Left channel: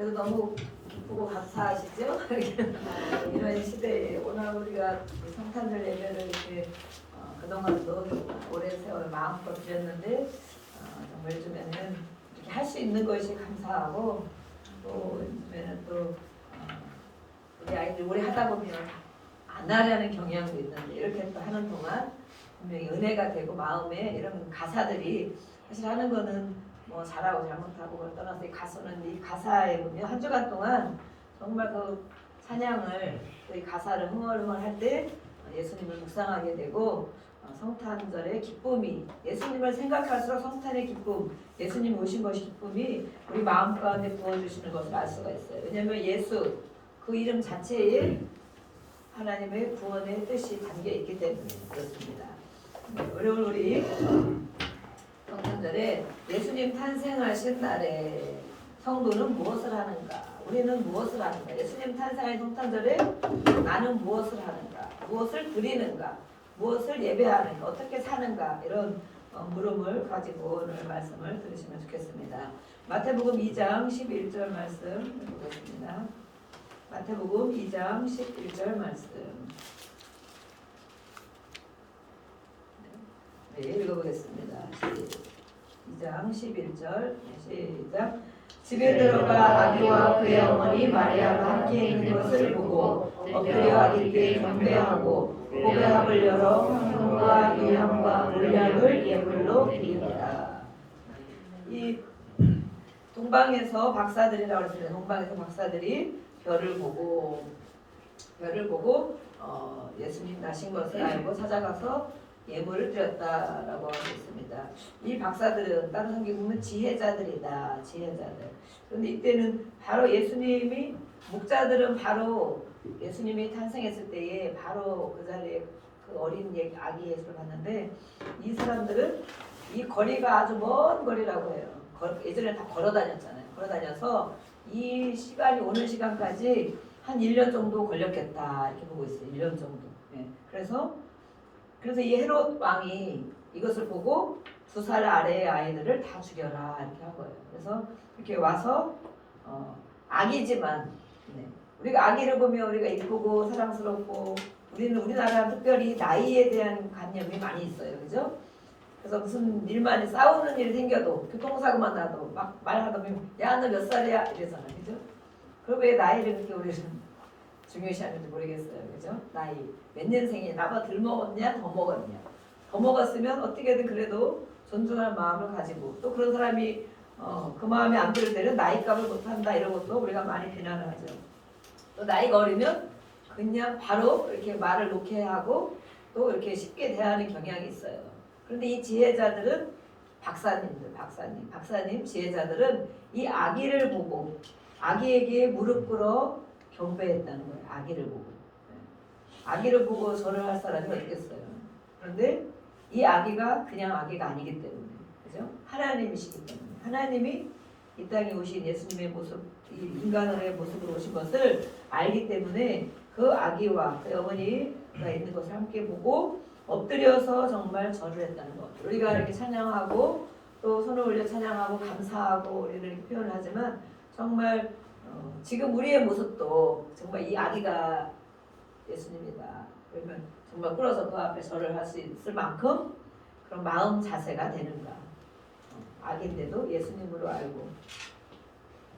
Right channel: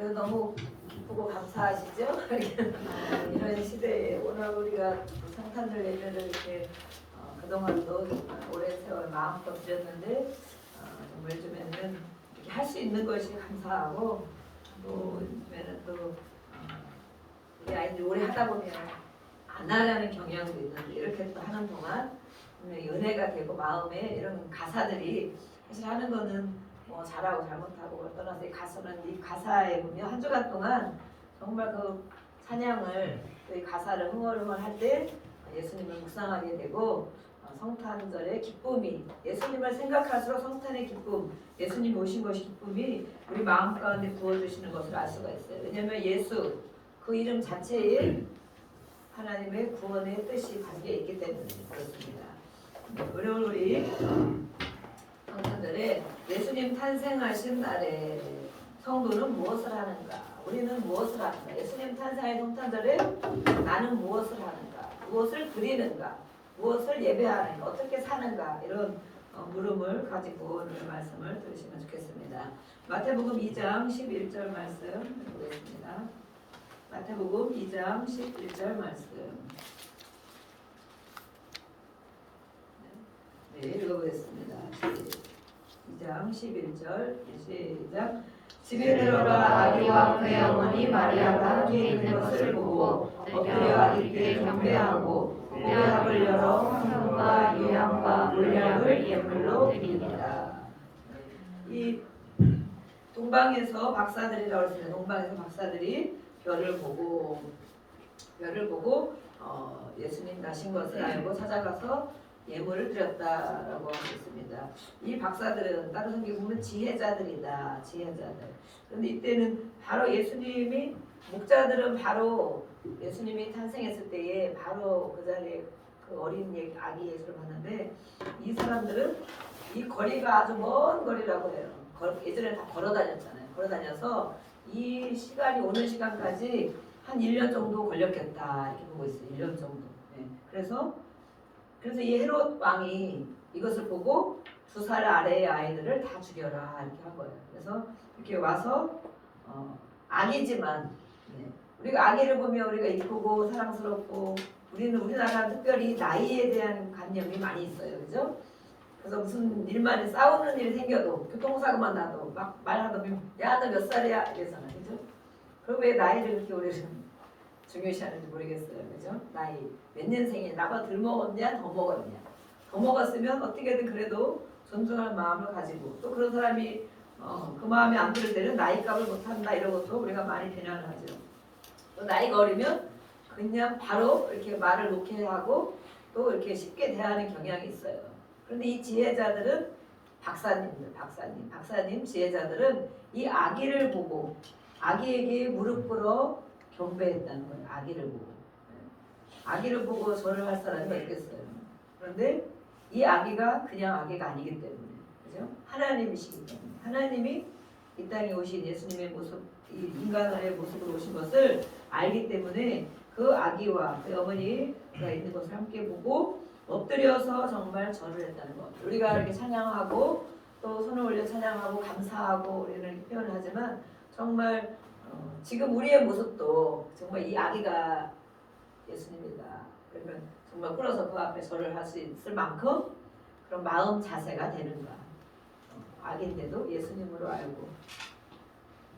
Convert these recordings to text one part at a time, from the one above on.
그래서 너무 기쁘고 감사하시죠? 이런 시대에 오늘 우리가 성탄절 예배를 이렇게 그동안도 정말 오랜 세월 마음껏 드렸는데 정말 요즘에는 이렇게 할 수 있는 것이 감사하고 또 요즘에는 또 우리 아이들이 오래 하다 보면 안 하려는 경향도 있는데 이렇게 또 하는 동안 분명히 은혜가 되고 마음에 이런 가사들이 사실 하는 거는 뭐 잘하고 잘못하고 그걸 떠나서 이 가사는 이 가사에 보면 한 주간 동안 정말 그 찬양을 또 이 가사를 흥얼흥얼 할 때 예수님을 묵상하게 되고 성탄절의 기쁨이 예수님을 생각할수록 성탄의 기쁨 예수님이 오신 것이 기쁨이 우리 마음 가운데 부어주시는 것을 알 수가 있어요. 왜냐하면 예수 그 이름 자체에 하나님의 구원의 뜻이 담겨 있기 때문에 그렇습니다. 오늘 우리 성탄절에 예수님 탄생하신 날에 성도는 무엇을 하는가? 우리는 무엇을 하는가? 예수님 탄생의 성탄절에 나는 무엇을 하는가? 무엇을 드리는가? 무엇을 예배하는가? 어떻게 사는가? 이런 물음을 가지고 오늘 말씀을 들으시면 좋겠습니다. 마태복음 2장 11절 말씀 보겠습니다. 마태복음 2장 11절 말씀. 네, 읽어보겠습니다. 2장 11절 시작. 집에 들어가 아기와 그의 어머니 마리아가 함께 있는 것을 보고 엎드려 아기께 경배하고 보배합을 열어 향과 유향과 물약을 예물로 드립니다. 이 동방에서 박사들이라고 했습니다. 동방에서 박사들이 별을 보고 예수님 나신 것을 알고 찾아가서 예물을 드렸다라고 하고 있습니다. 이 박사들은 다른 성경 보면 지혜자들이다. 지혜자들. 그런데 이때는 바로 예수님이 목자들은 바로 예수님이 탄생했을 때에 바로 그 자리에 그 어린 아기 예수를 봤는데 이 사람들은 이 거리가 아주 먼 거리라고 해요. 예전에 다 걸어 다녔잖아요. 걸어 다녀서 이 시간이 오는 시간까지 한 1년 정도 걸렸겠다 이렇게 보고 있어요. 1년 정도. 네. 그래서 이 헤롯 왕이 이것을 보고 2살 아래의 아이들을 다 죽여라 이렇게 한 거예요. 그래서 이렇게 와서 아기지만 우리가 아기를 보면 우리가 이쁘고 사랑스럽고 우리나라는 특별히 나이에 대한 관념이 많이 있어요. 그죠? 그래서 무슨 일만 싸우는 일이 생겨도 교통사고만 나도 막 말하다 보면 야 너 몇 살이야 이러잖아. 그죠? 그럼 왜 나이를 그렇게 우리는 중요시하는지 모르겠어요. 그죠? 나이 몇 년생이냐 나보다 덜 먹었냐 더 먹었냐 더 먹었으면 어떻게든 그래도 존중할 마음을 가지고 또 그런 사람이 그 마음이 안 들을 때는 나이값을 못한다 이런 것도 우리가 많이 비난을 하죠. 또 나이가 어리면 그냥 바로 이렇게 말을 놓게 하고 또 이렇게 쉽게 대하는 경향이 있어요. 그런데 이 지혜자들은 박사님 지혜자들은 이 아기를 보고 아기에게 무릎 꿇어 경배했다는 거예요. 아기를 보고 절을 할 사람이 어딨겠어요. 그런데 이 아기가 그냥 아기가 아니기 때문에 그죠? 하나님이시기 때문에 하나님이 이 땅에 오신 예수님의 모습 인간의 모습으로 오신 것을 알기 때문에 그 아기와 그 어머니가 있는 것을 함께 보고 엎드려서 정말 절을 했다는 것. 우리가 이렇게 찬양하고 또 손을 올려 찬양하고 감사하고 우리는 이렇게 표현을 하지만 정말 지금 우리의 모습도 정말 이 아기가 예수님이다. 그러면 정말 꿇어서 그 앞에 절을 할 수 있을 만큼 그런 마음 자세가 되는가. 아기인데도 예수님으로 알고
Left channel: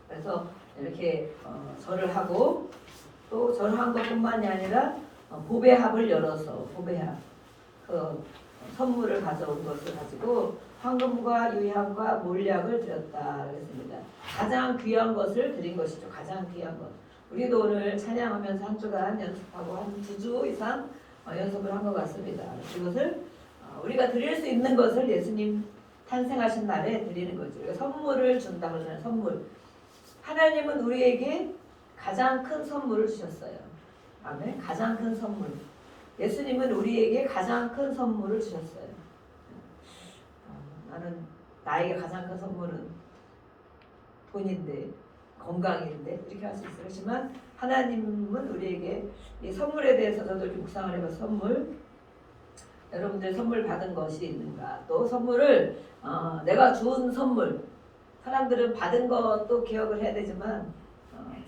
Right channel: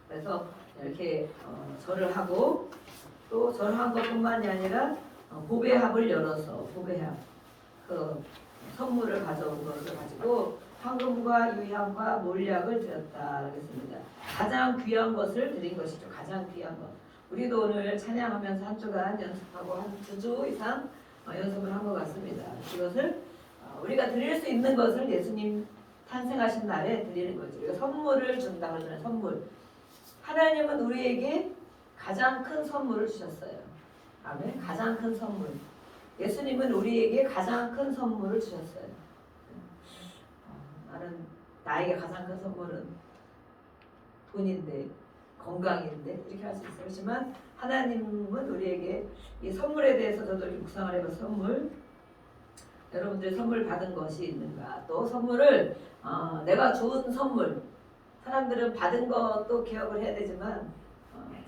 그래서 이렇게 절을 하고 또 절한 것뿐만이 아니라 보배합을 열어서 보배합 그 선물을 가져온 것을 가지고 황금과 유향과 몰약을 드렸다 그랬습니다. 가장 귀한 것을 드린 것이죠. 가장 귀한 것. 우리도 오늘 찬양하면서 한 주간 연습하고 한 2주 이상 연습을 한 것 같습니다. 이것을 우리가 드릴 수 있는 것을 예수님 탄생하신 날에 드리는 거죠. 선물을 준다고 하잖아요. 선물. 하나님은 우리에게 가장 큰 선물을 주셨어요. 아멘. 가장 큰 선물. 예수님은 우리에게 가장 큰 선물을 주셨어요. 나에게 가장 큰 선물은 돈인데 건강인데 이렇게 할 수 있어요. 그렇지만 하나님은 우리에게 이 선물에 대해서 저도 이렇게 묵상을 해봐서 선물 여러분들 선물 받은 것이 있는가 또 선물을 내가 준 선물 사람들은 받은 것도 기억을 해야 되지만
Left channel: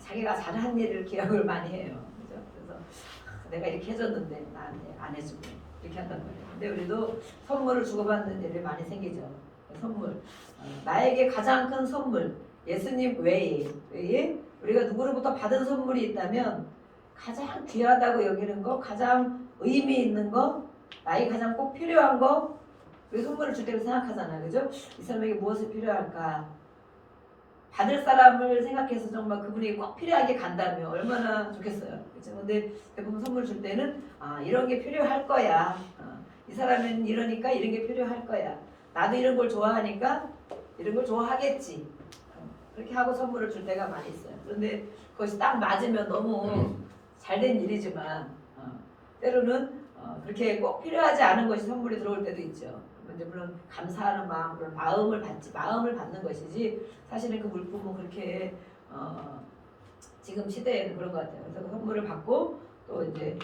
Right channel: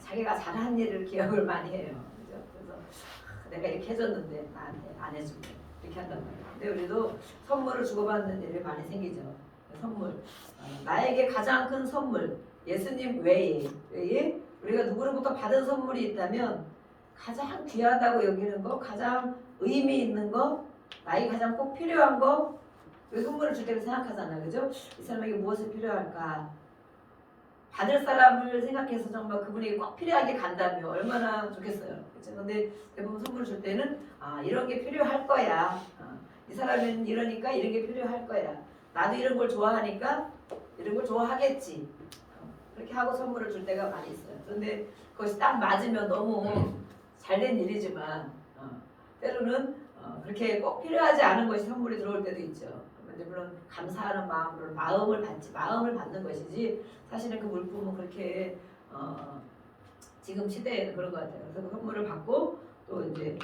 자기가 잘한 일을 기억을 많이 해요. 그죠? 그래서 내가 이렇게 해줬는데 나한테 안 해주고 이렇게 한단 말이에요. 근데 우리도 선물을 주고받는 일이 많이 생기죠. 선물. 나에게 가장 큰 선물, 예수님 외에 우리가 누구로부터 받은 선물이 있다면 가장 귀하다고 여기는 거, 가장 의미 있는 거, 나에게 가장 꼭 필요한 거, 그 선물을 줄 때를 생각하잖아요. 그죠? 이 사람에게 무엇이 필요할까? 받을 사람을 생각해서 정말 그분에게 꼭 필요하게 간다면 얼마나 좋겠어요. 그렇죠? 근데 대부분 선물 줄 때는 이런 게 필요할 거야. 이 사람은 이러니까 이런 게 필요할 거야. 나도 이런 걸 좋아하니까 이런 걸 좋아하겠지. 그렇게 하고 선물을 줄 때가 많이 있어요. 그런데 그것이 딱 맞으면 너무 잘된 일이지만 때로는 그렇게 꼭 필요하지 않은 것이 선물이 들어올 때도 있죠. 그런데 물론 감사하는 마음으로 마음을 받는 것이지 사실은 그 물품은 그렇게 지금 시대에는 그런 것 같아요. 그래서 선물을 받고 또 이제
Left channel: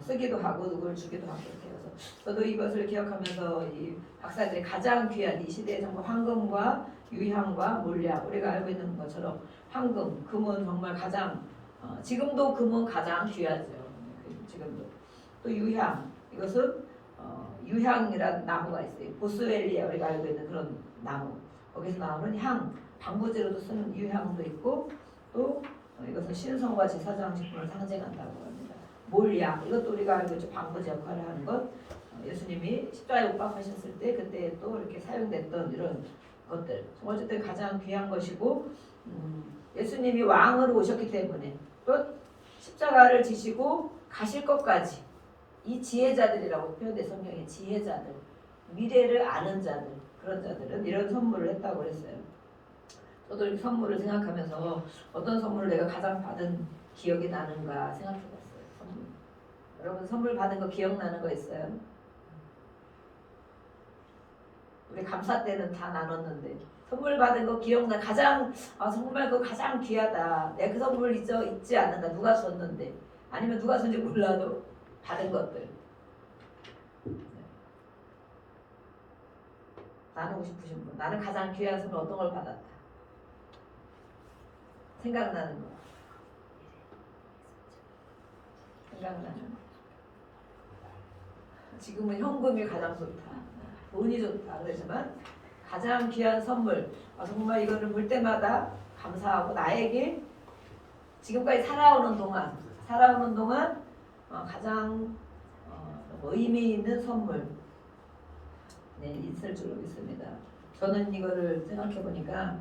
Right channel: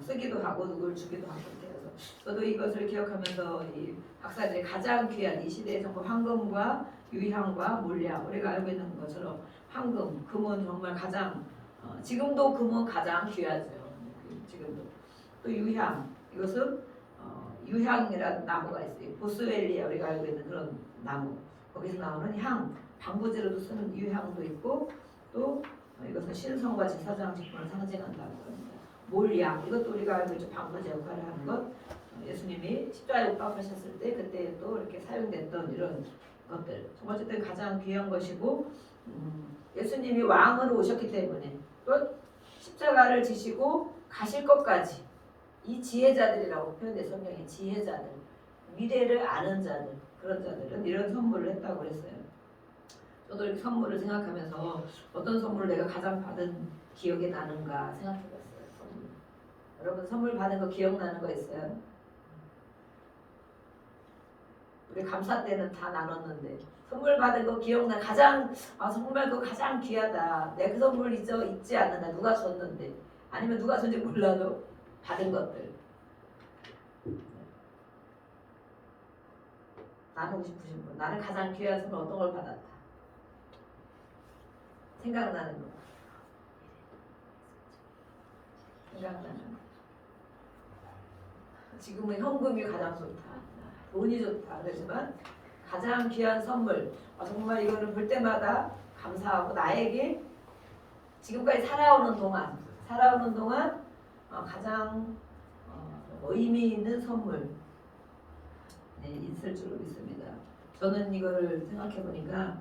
쓰기도 하고 누구를 주기도 하고 이렇게 해서 저도 이것을 기억하면서 이 박사들이 가장 귀한 이 시대에 정말 황금과 유향과 몰약 우리가 알고 있는 것처럼 황금, 금은 정말 가장 지금도 금은 가장 귀하죠. 지금도 또 유향 이것은 유향이라는 나무가 있어요. 보스웰리아 우리가 알고 있는 그런 나무 거기서 나오는 향 방부제로도 쓰는 유향도 있고 또 이것은 신성과 제사장식품을 상징한다고 합니다. 몰약 이것도 우리가 알고 있죠. 방부제 역할을 하는 것 예수님이 십자가에 못 박히셨을 때 그때 또 이렇게 사용됐던 이런 것들 어쨌든 가장 귀한 것이고 예수님이 왕으로 오셨기 때문에 또 십자가를 지시고 가실 것까지 이 지혜자들이라고 표현돼 성경에 지혜자들 미래를 아는 자들 그런 자들은 이런 선물을 했다고 그랬어요. 저도 이렇게 선물을 생각하면서 어떤 선물을 내가 가장 받은 기억이 나는가 생각해봤어요. 선물. 여러분 선물 받은 거 기억나는 거 있어요? 우리 감사 때는 다 나눴는데 선물 받은 거 기억나 가장 정말 그거 가장 귀하다. 내가 그 선물 잊지 않는다. 누가 줬는데 아니면 누가 줬는지 몰라도 받은 것들 나누고 싶으신 분 나는 가장 귀한 선물 어떤 걸 받았다. 생각나는 거 생각나는 거 지금은 현금이 가장 좋다. 돈이 좋다. 그렇지만 가장 귀한 선물 정말 이거를 볼 때마다 감사하고 나에게 지금까지 살아오는 동안 가장 의미 있는 선물 있을 줄 믿습니다. 저는 이거를 생각해 보니까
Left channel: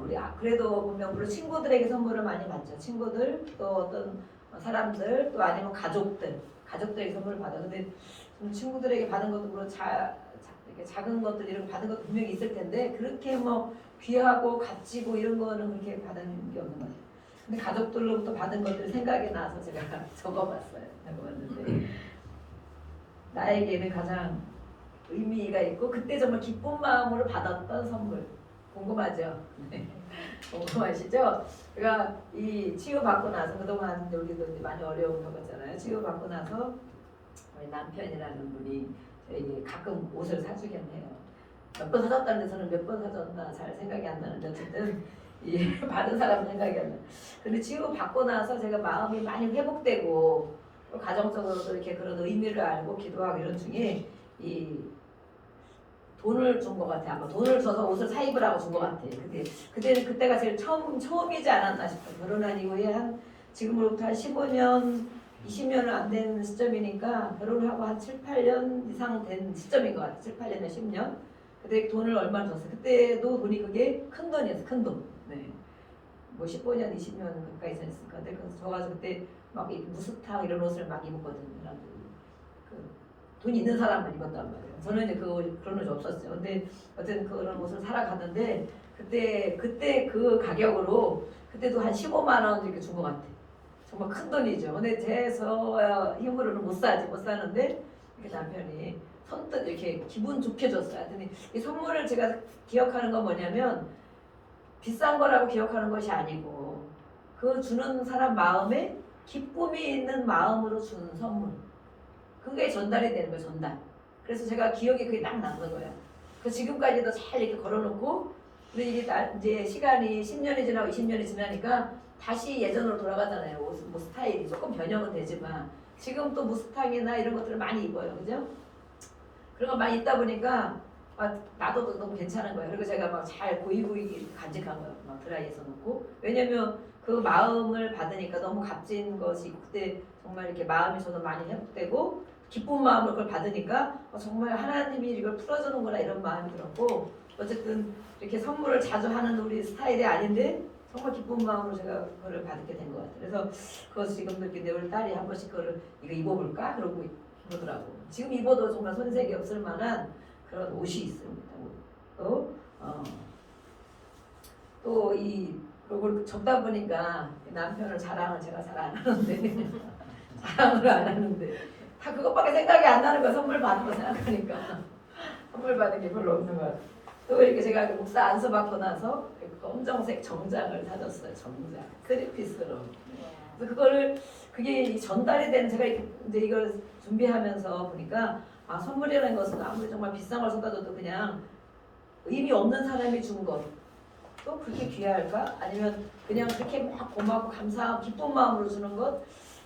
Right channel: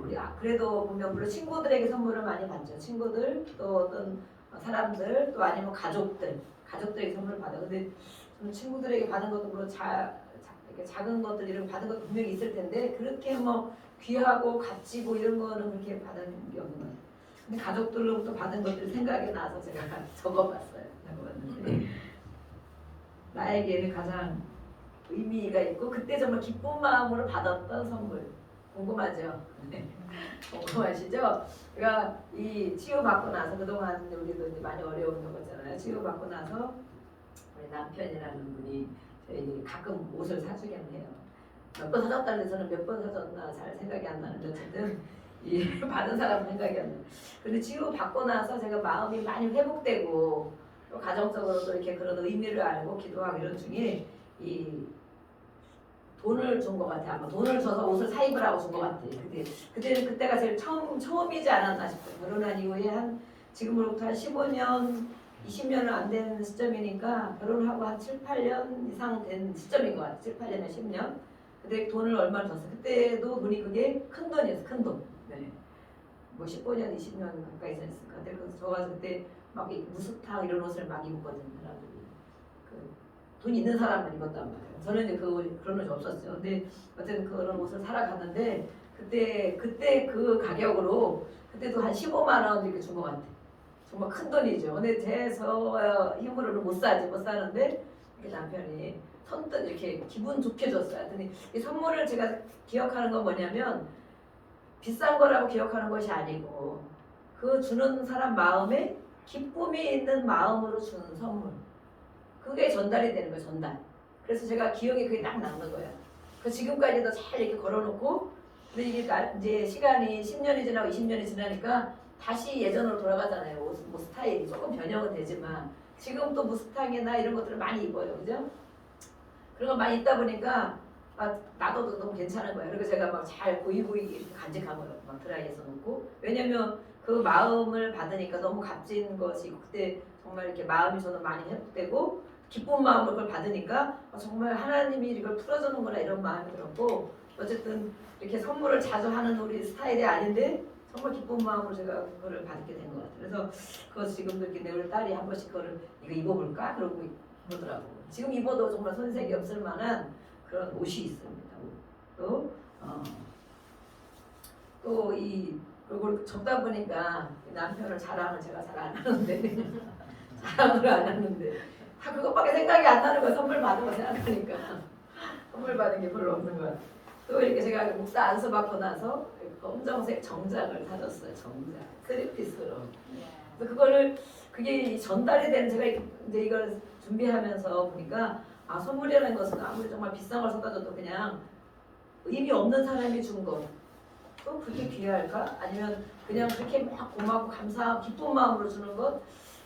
우리 그래도 분명 물론 친구들에게 선물을 많이 받죠. 친구들 또 어떤 사람들 또 아니면 가족들에게 선물을 받아. 근데 저는 친구들에게 받은 것도 물론 작은 것들 이런 거 받은 것도 분명히 있을 텐데 그렇게 뭐 귀하고 값지고 이런 거는 그렇게 받은 게 없는 것 같아요. 근데 가족들로부터 받은 것들 생각이 나서 제가 적어봤는데 나에게는 가장 의미가 있고 그때 정말 기쁜 마음으로 받았던 선물 궁금하죠? 궁금하시죠? 그러니까 이 치유받고 나서 그동안 우리도 이제 많이 어려운 거잖아요. 치유받고 나서 우리 남편이라는 분이 저에게 가끔 옷을 사주긴 해요. 몇 번 사줬다는 데서는 몇 번 사줬나 잘 생각이 안 나는데 어쨌든 이 받은 사람은 생각이 안 나요. 근데 치유받고 나서 제가 마음이 많이 회복되고 또 가정적으로도 이렇게 그런 의미를 알고 기도하고 이런 중에 이 돈을 준 것 같아요. 아마 돈을 줘서 옷을 사 입으라고 준 것 같아요. 그때가 제일 처음이지 않았나 싶어요. 결혼한 이후에 지금으로부터 한 15년, 20년은 안 된 시점이니까 결혼을 하고 한 7, 8년 이상 된 시점인 것 같아요. 7, 8년에 10년. 그때 돈을 얼마나 줬어요. 그때도 돈이 그게 큰 돈이었어요. 큰 돈. 네. 뭐 15년, 20년 가까이 됐으니까. 근데 저 가서 그때 막 무스탕 이런 옷을 막 입었거든요. 돈 있는 사람만 입었단 말이에요. 저는 이제 그런 옷이 없었죠. 근데 어쨌든 그런 옷을 사러 갔는데 그때 그 가격으로 그때도 한 15만 원 이렇게 준 것 같아요. 정말 큰 돈이죠. 근데 저 힘으로는 못 사는데 이렇게 남편이 선뜻 이렇게 기분 좋게 줬어요. 하여튼 이 선물을 제가 기억하는 건 뭐냐면 비싼 거라고 기억하는 것이 아니고 그 주는 사람 마음에 기쁨이 있는 마음으로 주는 선물. 그게 전달이 되는 거예요. 전달. 그래서 제가 기억에 그게 딱 남는 거야. 그 지금까지도 잘 이렇게 걸어놓고 근데 이게 이제 시간이 10년이 지나고 20년이 지나니까 다시 예전으로 돌아가잖아요. 뭐 스타일이 조금 변형은 되지만 지금 또 무스탕이나 이런 것들을 많이 입어요, 그죠? 그런 거 많이 입다 보니까 나도 너무 괜찮은 거예요. 그리고 제가 막 잘 고이고이 이렇게 간직한 거예요. 막 드라이해서 놓고. 왜냐면 그 마음을 받으니까 너무 값진 것이 그때 정말 이렇게 마음이 저는 많이 회복되고 기쁜 마음을 그걸 받으니까 정말 하나님이 이걸 풀어주는구나 이런 마음이 들었고 어쨌든 이렇게 선물을 자주 하는 우리 스타일이 아닌데 정말 기쁜 마음으로 제가 그거를 받게 된 것 같아요. 그래서 그거 지금도 이렇게 우리 딸이 한 번씩 그거를 이거 입어볼까 그러고 그러더라고. 지금 입어도 정말 손색이 없을 만한 그런 옷이 있습니다. 또이 그걸 접다 보니까 남편을 자랑을 제가 잘 안 하는데 자랑을 안 하는데 다 그것밖에 생각이 안 나는 거 선물 받은 거 생각하니까 선물 받은 게 별로 없는 것 같아요. 또 이렇게 제가 목사 안수 받고 나서 검정색 정장을 사줬어요. 정장 3피스로. 그래서 그게 전달이 되는 제가 이제 이걸 준비하면서 보니까 선물이라는 것은 아무리 정말 비싼 걸 사다 줘도 그냥 의미 없는 사람이 준 것. 또 그렇게 귀할까? 아니면 그냥 그렇게 막 고맙고 감사하고 기쁜 마음으로 주는 것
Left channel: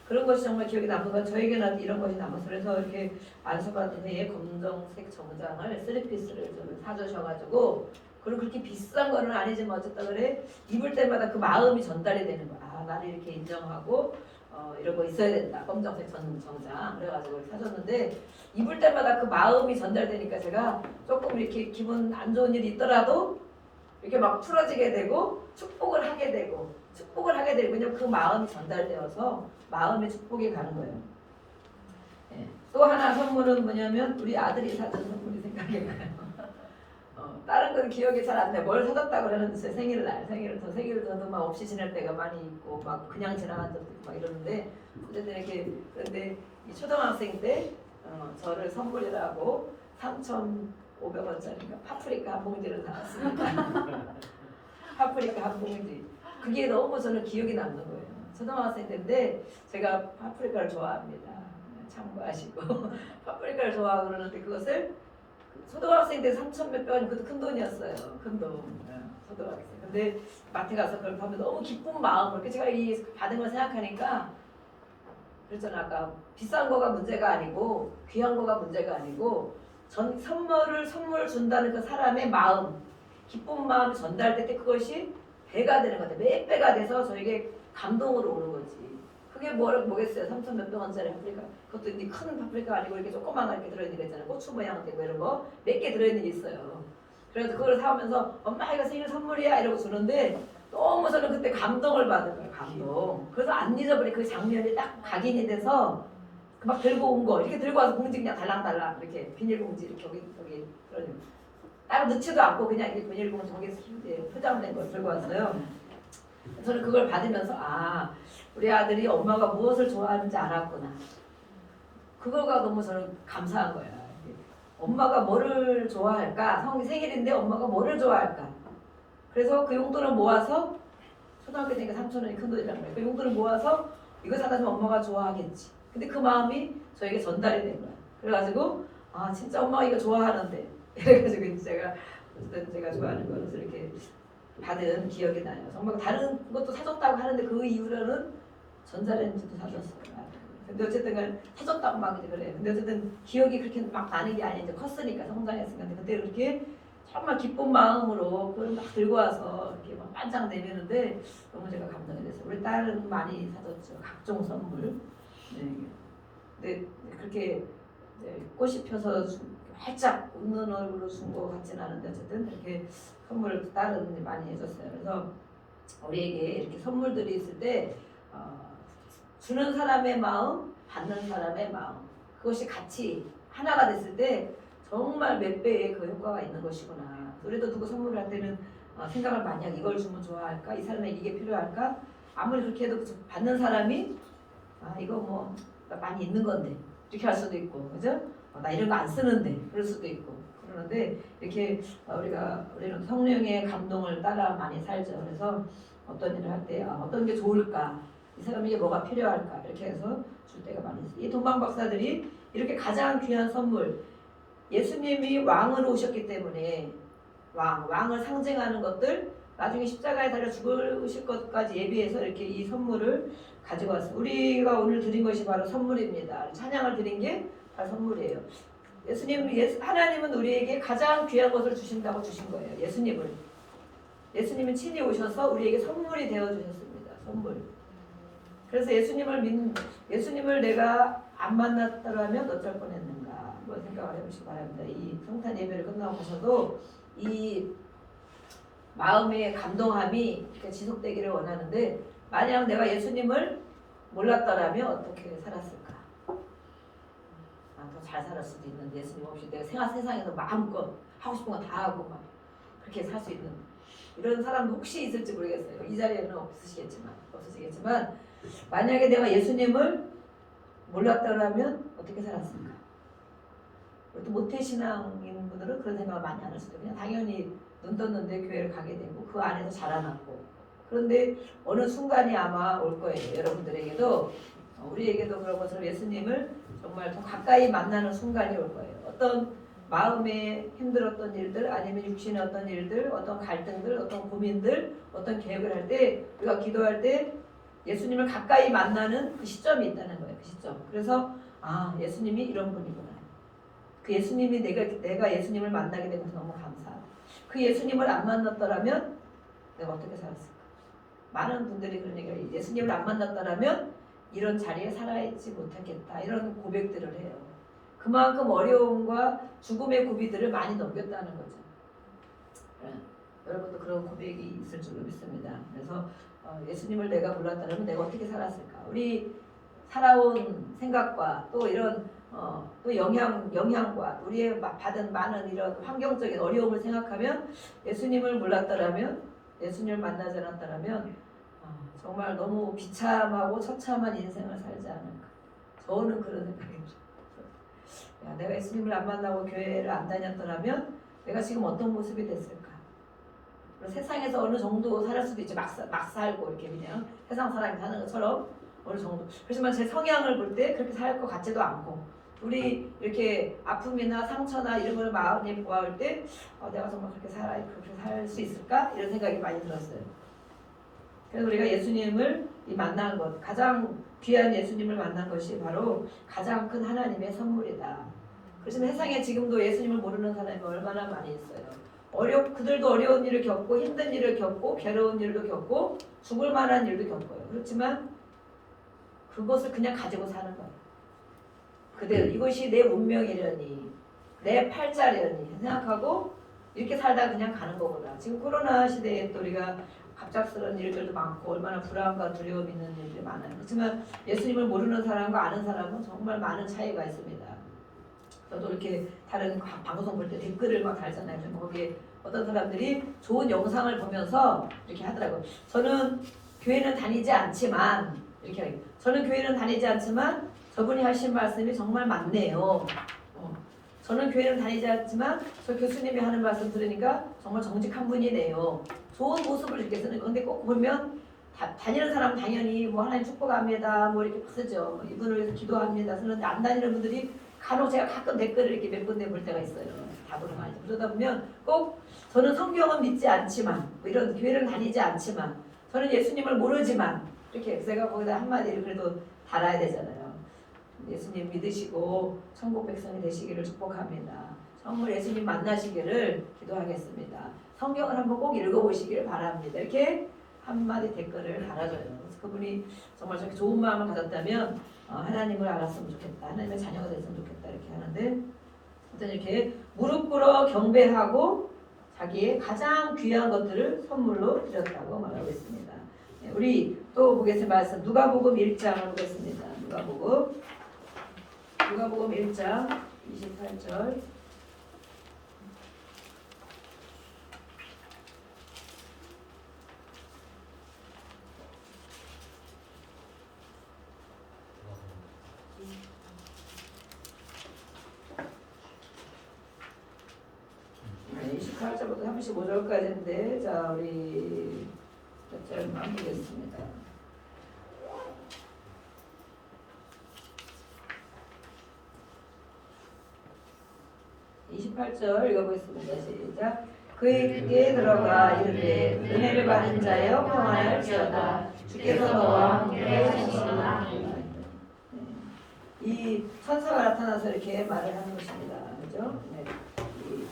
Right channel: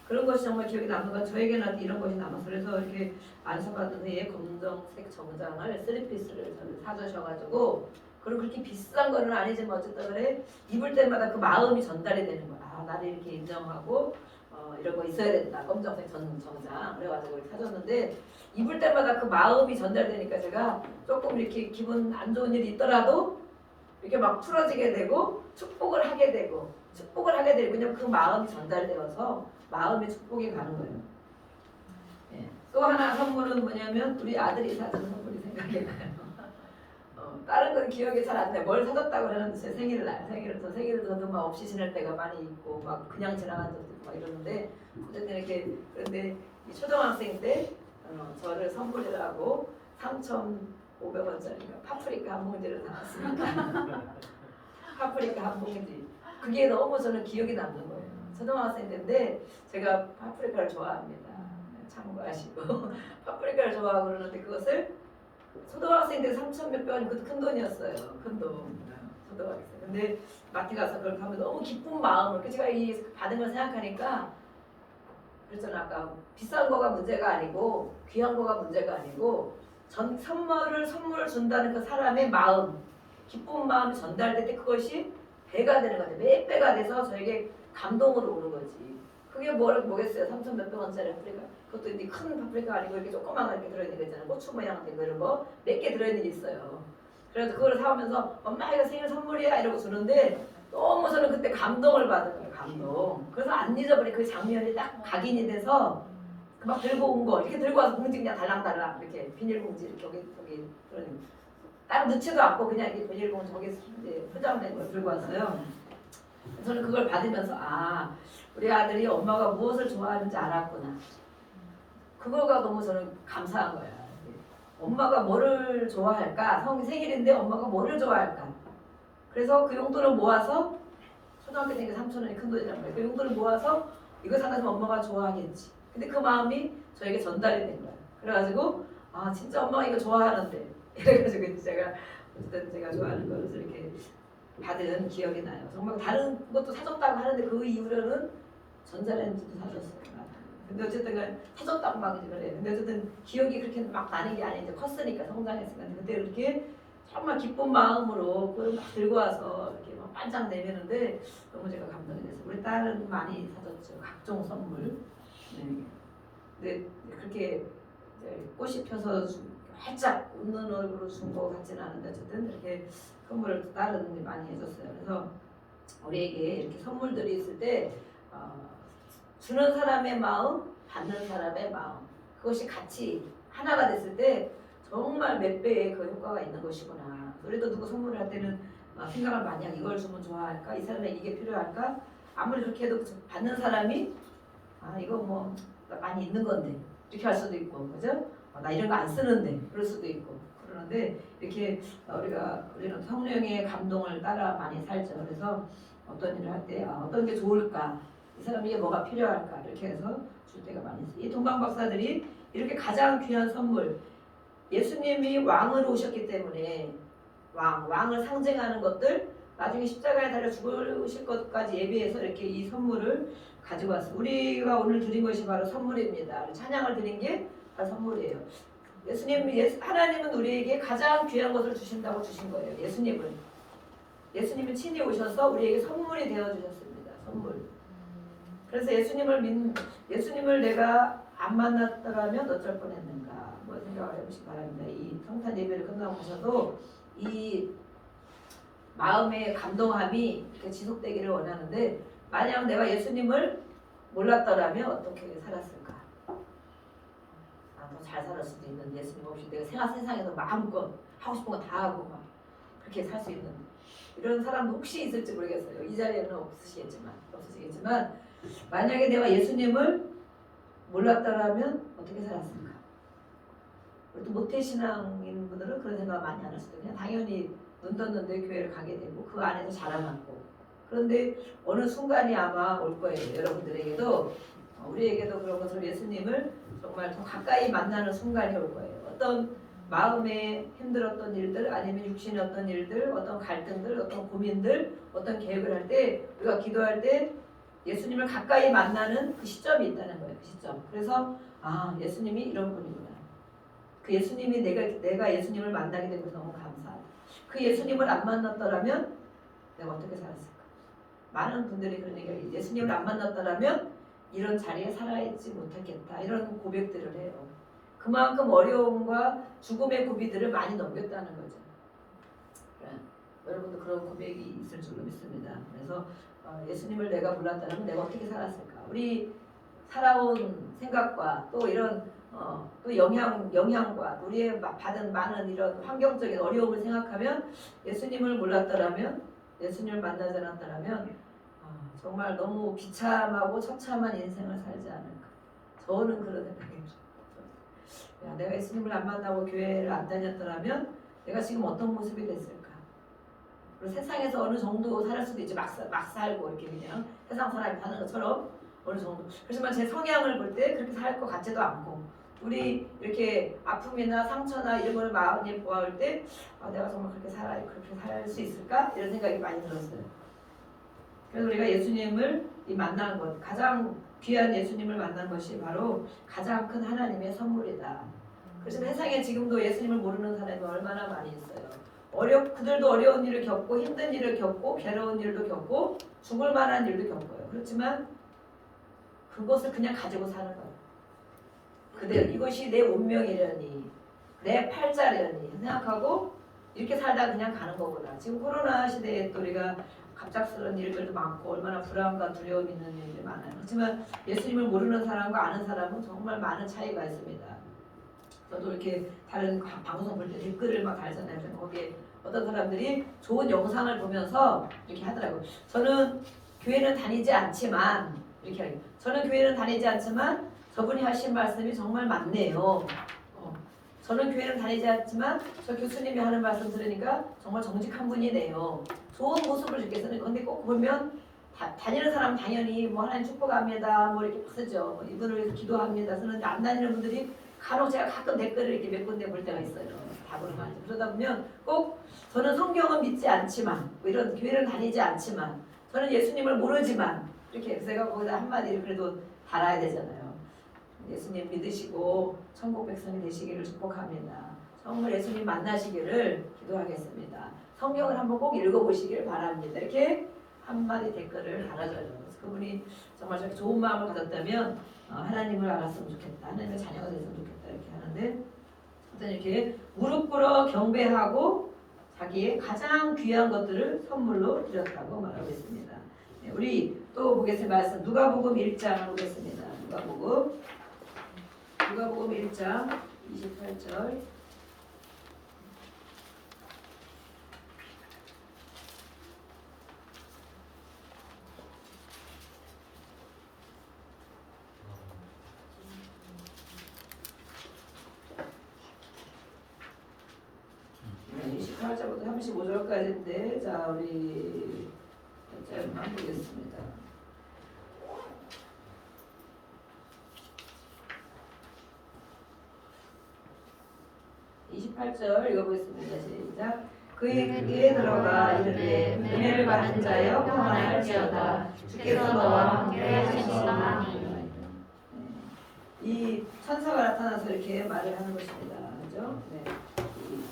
그런 것이 정말 기억에 남는 것 저에게는 이런 것이 남아서 그래서 이렇게 안수받은 후에 검정색 정장을 3피스를 사주셔가지고 그리고 그렇게 비싼 거는 아니지만 어쨌든 그래 입을 때마다 그 마음이 전달이 되는 거야. 나를 이렇게 인정하고 이런 거 있어야 된다. 검정색 정장 그래가지고 사줬는데 입을 때마다 그 마음이 전달되니까 제가 조금 이렇게 기분 안 좋은 일이 있더라도 이렇게 막 풀어지게 되고 축복을 하게 되고 왜냐면 그 마음이 전달되어서 마음의 축복이 가는 거예요. 예. 또 하나 선물은 뭐냐면 우리 아들이 사준 선물이 생각이 나요. 다른 건 기억이 잘 안 나요. 뭘 사줬다고 그러는데 생일을 저도 막 없이 지낼 때가 많이 있고 막 그냥 지나간 적도 있고 막 이러는데 어쨌든 이렇게 그런데 이 초등학생 때 저를 선물이라고 3,500원짜리가 파프리카 한 봉지를 사왔습니다. 파프리카 한 봉지. 그게 너무 저는 기억이 남는 거예요. 초등학생 때인데 제가 파프리카를 좋아합니다. 참고하시고 파프리카를 좋아하고 그러는데 그것을 초등학생 때 3,000몇백 원이 그것도 큰 돈이었어요. 큰 돈. 초등학생. 근데 마트 가서 그걸 하면 너무 기쁜 마음을 제가 이 받은 걸 생각하니까 그랬잖아 아까 비싼 거가 문제가 아니고 귀한 거가 문제가 아니고 선물 준다는 그 사람의 마음 기쁜 마음이 전달될 때 그것이 배가 되는 것 같아요. 몇 배가 돼서 저에게 감동으로 오는 거지. 그게 뭐겠어요? 3,000몇백 원짜리 파프리카. 그것도 이제 큰 파프리카 아니고 이렇게 조그만 거 이렇게 들어있는 거 있잖아요. 고추 모양 되고 이런 거 몇 개 들어있는 게 있어요. 그래서 그걸 사오면서 엄마 이거 생일 선물이야 이러고 주는데 너무 저는 그때 감동을 받은 거예요. 감동. 그래서 안 잊어버린 그 장면이 딱 각인이 돼서 막 들고 온 거 이렇게 들고 와서 봉지 그냥 달랑달랑 이렇게 비닐봉지 이렇게 여기 들어있는 따로 넣지도 않고 그냥 이렇게 비닐봉지 거기에 이제 포장된 걸 들고 왔어요. 저는 그걸 받으면서 우리 아들이 엄마가 무엇을 좋아하는지 알았구나. 그거가 너무 저는 감사한 거예요. 엄마가 뭐를 좋아할까? 생일인데 엄마가 뭐를 좋아할까? 그래서 그 용돈을 모아서 초등학교 때니까 3,000원이 큰 돈이란 말이에요. 그 용돈을 모아서 이거 사다 주면 엄마가 좋아하겠지. 근데 그 마음이 저에게 전달이 된 거야. 그래가지고 진짜 엄마가 이거 좋아하는데 이래가지고 제가 어쨌든 제가 좋아하는 것을 이렇게 받은 기억이 나요. 정말 다른 것도 사줬다고 하는데 그 이후로는 전자레인지도 사줬어요. 근데 어쨌든 간 사줬다고 막 이제 그래. 근데 어쨌든 기억이 그렇게 막 나는 게 아니야. 이제 컸으니까 성장했으니까. 그때 이렇게 정말 기쁜 마음으로 그걸 막 들고 와서 이렇게 막 반짝 내미는데 너무 제가 감동이 됐어요. 우리 딸은 많이 사줬죠. 각종 선물. 네. 근데 그렇게 이제 꽃이 펴서 활짝 웃는 얼굴로 준 것 같지는 않은데 어쨌든 이렇게 선물을 딸은 많이 해줬어요. 그래서 우리에게 이렇게 선물들이 있을 때 주는 사람의 마음, 받는 사람의 마음 그것이 같이 하나가 됐을 때 정말 몇 배의 그 효과가 있는 것이구나. 우리도 누구 선물을 할 때는 생각을 많이 하고 이걸 주면 좋아할까? 이 사람에게 이게 필요할까? 아무리 그렇게 해도 받는 사람이 이거 뭐 많이 있는 건데 이렇게 할 수도 있고 그죠? 나 이런 거 안 쓰는데 그럴 수도 있고 그러는데 이렇게 우리는 성령의 감동을 따라 많이 살죠. 그래서 어떤 일을 할 때 어떤 게 좋을까? 이 사람에게 뭐가 필요할까? 이렇게 해서 줄 때가 많이 있어요. 이 동방 박사들이 이렇게 가장 귀한 선물 예수님이 왕으로 오셨기 때문에 왕을 상징하는 것들 나중에 십자가에 달려 죽으실 것까지 예비해서 이렇게 이 선물을 가지고 왔어요. 우리가 오늘 드린 것이 바로 선물입니다. 찬양을 드린 게 바로 선물이에요. 하나님은 우리에게 가장 귀한 것을 주신다고 주신 거예요. 예수님은 친히 오셔서 우리에게 선물이 되어 주셨습니다. 선물. 그래서 예수님을 내가 안 만났더라면 어쩔 뻔했는가 한번 생각을 해보시기 바랍니다. 이 성탄 예배를 끝나고 가셔도 이 마음의 감동함이 이렇게 지속되기를 원하는데, 만약 내가 예수님을 몰랐더라면 어떻게 살았을까? 더 잘 살았을 수도 있는, 예수님 없이 내가 세상에서 마음껏 하고 싶은 거 다 하고 막 그렇게 살 수 있는 이런 사람도 혹시 있을지 모르겠어요. 이 자리에는 없으시겠지만 만약에 내가 예수님을 몰랐더라면 어떻게 살았을까? 또 모태신앙인 분들은 그런 생각 많이 안 하시죠. 그냥 당연히 눈 떴는데 교회를 가게 되고 그 안에서 자라났고, 그런데 어느 순간이 아마 올 거예요. 여러분들에게도 우리에게도 그런 것처럼 예수님을 정말 더 가까이 만나는 순간이 올 거예요. 어떤 마음에 힘들었던 일들, 아니면 육신의 어떤 일들, 어떤 갈등들, 어떤 고민들, 어떤 계획을 할 때, 우리가 기도할 때 예수님을 가까이 만나는 그 시점이 있다는 거예요. 그 시점. 그래서 예수님이 이런 분이구나. 그 예수님이 내가 예수님을 만나게 된 것이 너무 감사하다. 그 예수님을 안 만났더라면 내가 어떻게 살았을까? 많은 분들이 그런 얘기를, 예수님을 안 만났더라면 이런 자리에 살아있지 못했겠다, 이런 고백들을 해요. 그만큼 어려움과 죽음의 고비들을 많이 넘겼다는 거죠. 여러분도 그런 고백이 있을 줄로 믿습니다. 그래서 예수님을 내가 몰랐다면 내가 어떻게 살았을까? 우리 살아온 생각과 또 이런 또 영향과 우리의 받은 많은 이런 환경적인 어려움을 생각하면, 예수님을 몰랐더라면, 예수님을 만나지 않았더라면 정말 너무 비참하고 처참한 인생을 살지 않을까. 저는 그런 생각이 들어요. 내가 예수님을 안 만나고 교회를 안 다녔더라면 내가 지금 어떤 모습이 됐을까. 그리고 세상에서 어느 정도 살 수도 있지. 막 살고 이렇게 그냥 세상 사람이 사는 것처럼 어느 정도. 그렇지만 제 성향을 볼 때 그렇게 살 것 같지도 않고, 우리 이렇게 아픔이나 상처나 이런 걸 마음에 보아올 때 내가 정말 그렇게 살 수 있을까? 이런 생각이 많이 들었어요. 그래서 우리가 예수님을 만난 것, 가장 귀한 예수님을 만난 것이 바로 가장 큰 하나님의 선물이다. 그렇지만 세상에 지금도 예수님을 모르는 사람이 얼마나 많이 있어요. 그들도 어려운 일을 겪고 힘든 일을 겪고 괴로운 일도 겪고 죽을 만한 일도 겪어요. 그렇지만 그것을 그냥 가지고 사는 거예요. 그대로 이것이 내 운명이려니, 내 팔자려니 생각하고 이렇게 살다 그냥 가는 거구나. 지금 코로나 시대에 또 우리가 갑작스러운 일들도 많고 얼마나 불안과 두려움 있는 일들이 많아요. 그렇지만 예수님을 모르는 사람과 아는 사람은 정말 많은 차이가 있습니다. 저도 이렇게 다른 방송 볼 때 댓글을 막 달잖아요. 거기에 어떤 사람들이 좋은 영상을 보면서 이렇게 하더라고요. 저는 교회는 다니지 않지만 저분이 하신 말씀이 정말 맞네요. 저는 교회는 다니지 않지만 저 교수님이 하는 말씀 들으니까 정말 정직한 분이네요. 좋은 모습을 이렇게 쓰는 건데, 꼭 보면 다니는 사람은 당연히 하나님 축복합니다 이렇게 쓰죠. 이분을 위해서 기도합니다 쓰는데, 안 다니는 분들이 간혹 제가 가끔 댓글을 이렇게 몇 군데 볼 때가 있어요. 답으로 많이. 그러다 보면 꼭 저는 성경은 믿지 않지만, 이런 교회를 다니지 않지만, 저는 예수님을 모르지만, 이렇게 제가 거기다 한마디를 그래도 달아야 되잖아요. 예수님 믿으시고 천국 백성이 되시기를 축복합니다. 정말 예수님 만나시기를 기도하겠습니다. 성경을 한번 꼭 읽어보시기를 바랍니다. 이렇게 한마디 댓글을 달아줘요. 그래서 그분이 정말 저렇게 좋은 마음을 가졌다면 하나님을 알았으면 좋겠다, 하나님의 자녀가 됐으면 좋겠다 이렇게 하는데, 어떤 이렇게 무릎 꿇어 경배하고 자기의 가장 귀한 것들을 선물로 드렸다고 말하고 있습니다. 우리 또 보겠습니다. 말씀 누가복음 1장을 보겠습니다. 누가복음 1장 28절. 네, 28절부터 35절까지인데, 자 우리 몇 절만 보겠습니다. 28절 읽어보겠습니다. 시작. 그에게 들어가 이르되 은혜를 받은 자여 평안할지어다 주께서 너와 함께 하시니라. 이 천사가 나타나서 이렇게 말을 하는 것입니다. 그죠? 네. 이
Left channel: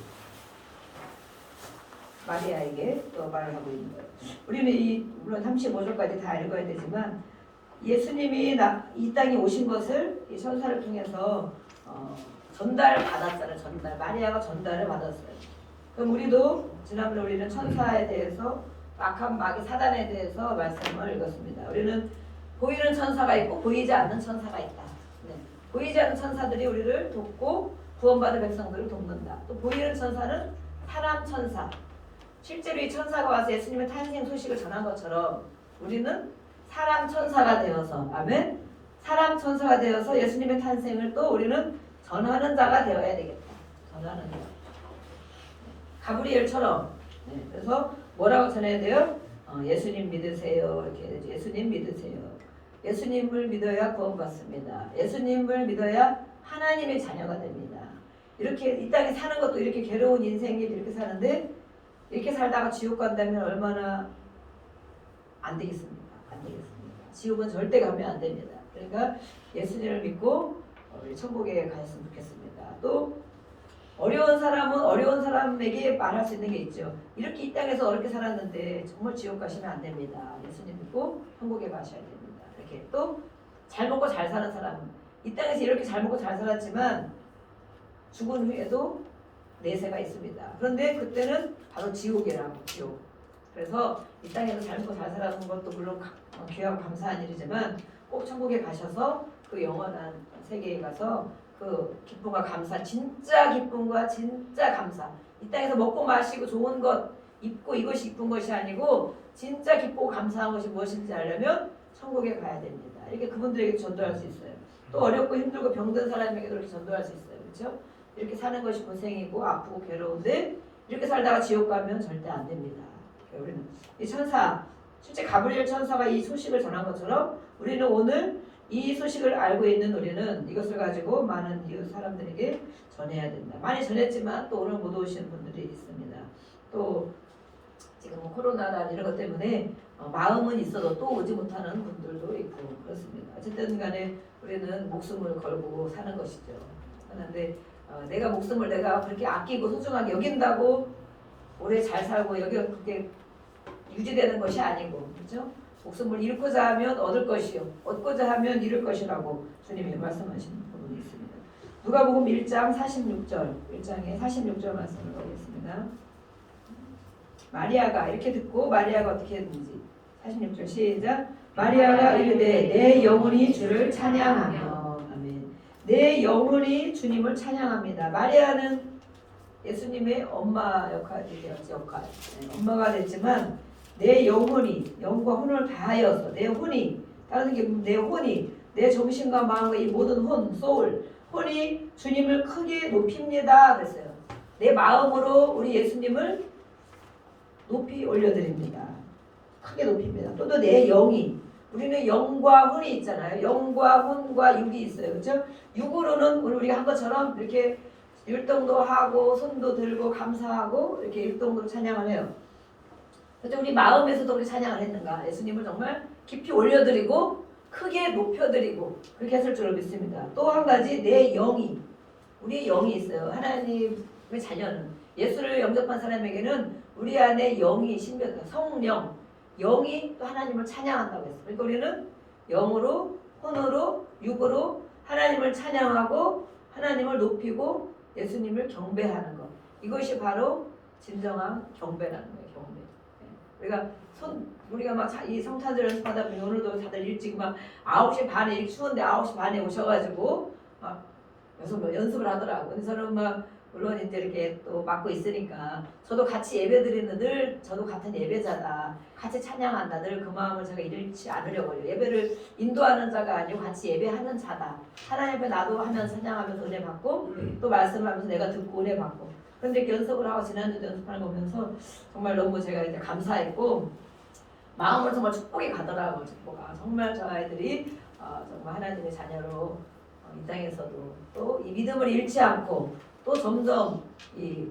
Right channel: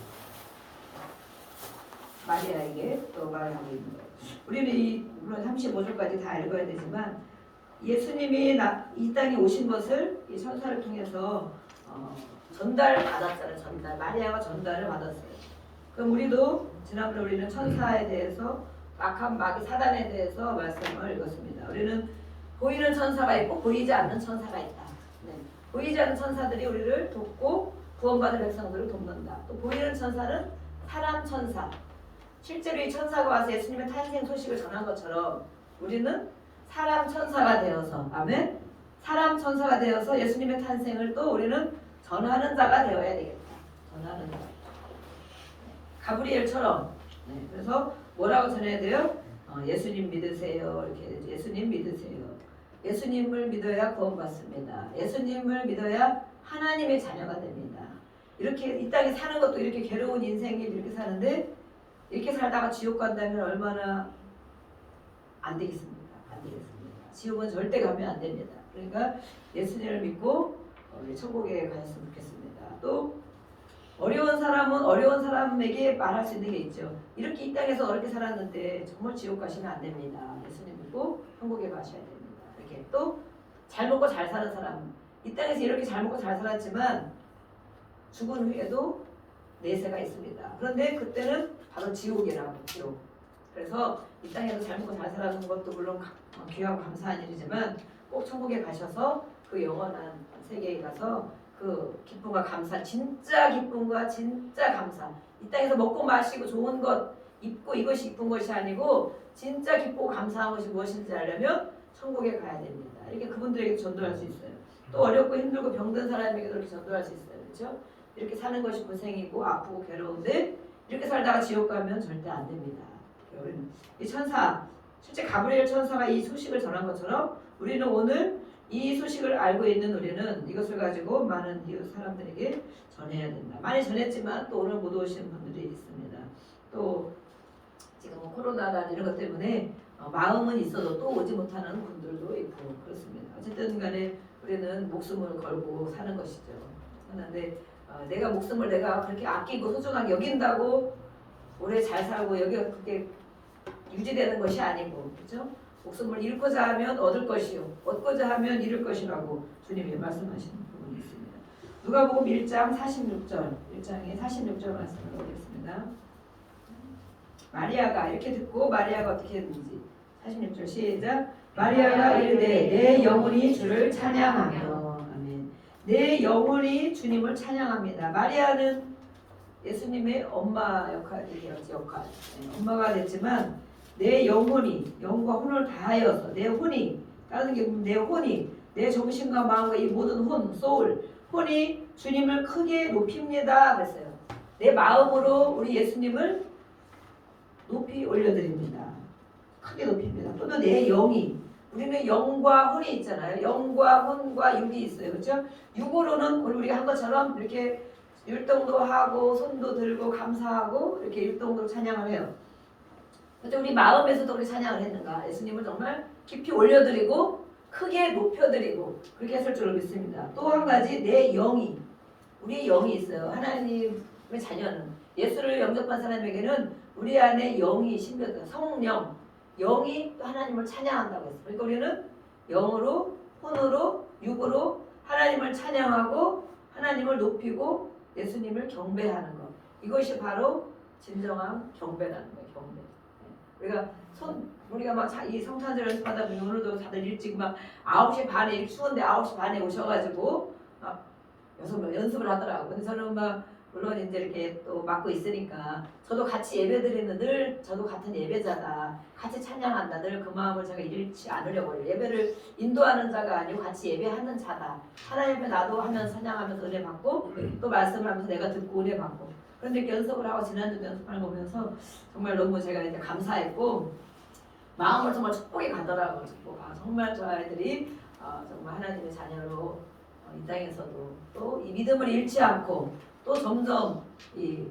마리아에게 또 말을 하고 있는 거예요. 우리는 물론 35절까지 다 읽어야 되지만 예수님이 이 땅에 오신 것을 이 천사를 통해서 전달을 받았잖아요. 마리아가 전달을 받았어요. 그럼 우리도 지난번에 우리는 천사에 대해서 마귀 사단에 대해서 말씀을 읽었습니다. 우리는 보이는 천사가 있고 보이지 않는 천사가 있다. 네. 보이지 않는 천사들이 우리를 돕고 구원받은 백성들을 돕는다. 또 보이는 천사는 사람 천사. 실제로 이 천사가 와서 예수님의 탄생 소식을 전한 것처럼 우리는 사람 천사가 되어서 아멘. 사람 천사가 되어서 예수님의 탄생을 또 우리는 전하는 자가 되어야 되겠다. 전하는 자. 가브리엘처럼. 네. 그래서 뭐라고 전해야 돼요? 예수님 믿으세요. 이렇게 예수님 믿으세요. 예수님을 믿어야 구원받습니다. 예수님을 믿어야 하나님의 자녀가 됩니다. 이렇게 이 땅에 사는 것도 이렇게 괴로운 인생이 이렇게 사는데 이렇게 살다가 지옥 간다면 얼마나 안 되겠습니까? 안 되겠습니다. 지옥은 절대 가면 안 됩니다. 그러니까 예수님을 믿고 천국에 가셨으면 좋겠습니다. 또 어려운 사람은 어려운 사람에게 말할 수 있는 게 있죠. 이렇게 이 땅에서 어렵게 살았는데 정말 지옥 가시면 안 됩니다. 예수님 믿고 천국에 가셔야 됩니다. 이렇게 또 잘 먹고 잘 사는 사람은 이 땅에서 이렇게 잘 먹고 잘 살았지만 죽은 후에도 내세가 있습니다. 그런데 그때는 바로 지옥이라고 지옥. 그래서 이 땅에서 잘 먹고 잘 살아가는 것도 물론 귀하고 감사한 일이지만 꼭 천국에 가셔서 그 영원한 세계에 가서 그 기쁨과 감사, 진짜 기쁨과 진짜 감사. 이 땅에서 먹고 마시고 좋은 것 입고 이것이 이쁜 것이 아니고 진짜 기쁘고 감사한 것이 무엇인지 알려면 천국에 가야 됩니다. 이렇게 그분들에게 전도할 수 있어요. 또 어렵고 힘들고 병든 사람에게도 이렇게 전도할 수 있어요. 그렇죠? 이렇게 사는 것이 고생이고 아프고 괴로운데 이렇게 살다가 지옥 가면 절대 안 됩니다. 우리는 이 천사, 실제 가브리엘 천사가 이 소식을 전한 것처럼 우리는 오늘 이 소식을 알고 있는 우리는 이것을 가지고 많은 이웃 사람들에게 전해야 된다. 많이 전했지만 또 오늘 못 오시는 분들이 있습니다. 또 지금 코로나나 이런 것 때문에 마음은 있어도 또 오지 못하는 분들도 있고 그렇습니다. 어쨌든 간에 우리는 목숨을 걸고 사는 것이죠. 그런데 내가 목숨을 내가 그렇게 아끼고 소중하게 여긴다고 오래 잘 살고 여기가 그렇게 유지되는 것이 아니고 그렇죠? 목숨을 잃고자 하면 얻을 것이요 얻고자 하면 잃을 것이라고 주님이 말씀하시는 부분이 있습니다. 누가복음 1장 46절 1장에 46절 말씀을 보겠습니다. 마리아가 이렇게 듣고 마리아가 어떻게 했는지 46절 시작. 마리아가 이르되 내 영혼이 주를 찬양하며 아멘. 내 영혼이 주님을 찬양합니다. 마리아는 예수님의 엄마 역할이죠. 엄마가 됐지만 내 영혼이 영과 혼을 다하여서 내 혼이 다른 게 내 혼이 내 정신과 마음과 이 모든 혼, 소울, 혼이 주님을 크게 높입니다. 그랬어요. 내 마음으로 우리 예수님을 높이 올려드립니다. 크게 높입니다. 또 내 영이 우리는 영과 혼이 있잖아요. 영과 혼과 육이 있어요. 그렇죠? 육으로는 오늘 우리가 한 것처럼 이렇게 율동도 하고 손도 들고 감사하고 이렇게 율동도 찬양을 해요. 그렇죠? 우리 마음에서도 우리 찬양을 했는가? 예수님을 정말 깊이 올려드리고 크게 높여드리고 그렇게 했을 줄로 믿습니다. 또 한 가지 내 영이 우리 영이 있어요. 하나님의 자녀는 예수를 영접한 사람에게는 우리 안에 영이 신비하다. 성령 영이 또 하나님을 찬양한다고 했어요. 그러니까 우리는 영으로 혼으로 육으로 하나님을 찬양하고 하나님을 높이고 예수님을 경배하는 것. 이것이 바로 진정한 경배라는 거예요. 경배. 그러니까 우리가 막 이 성탄절 연습하다 보니 오늘도 다들 일찍 막 9시 반에 추운데 9시 반에 오셔가지고 막 연습을 하더라고요. 근데 저는 막 물론 이제 이렇게 또 맡고 있으니까 저도 같이 예배드리는 늘 저도 같은 예배자다. 같이 찬양한다. 늘 그 마음을 제가 잃지 않으려고 해요. 예배를 인도하는 자가 아니고 같이 예배하는 자다. 하나님 앞에 나도 하면서 찬양하면서 은혜 받고 또 말씀을 하면서 내가 듣고 은혜 받고 그런데 이렇게 연습을 하고 지난주도 연습하는 거 보면서 정말 너무 제가 이제 감사했고 마음을 정말 축복이 가더라고요. 정말 저 아이들이 정말 하나님의 자녀로 이 땅에서도 또 이 믿음을 잃지 않고 또 점점 이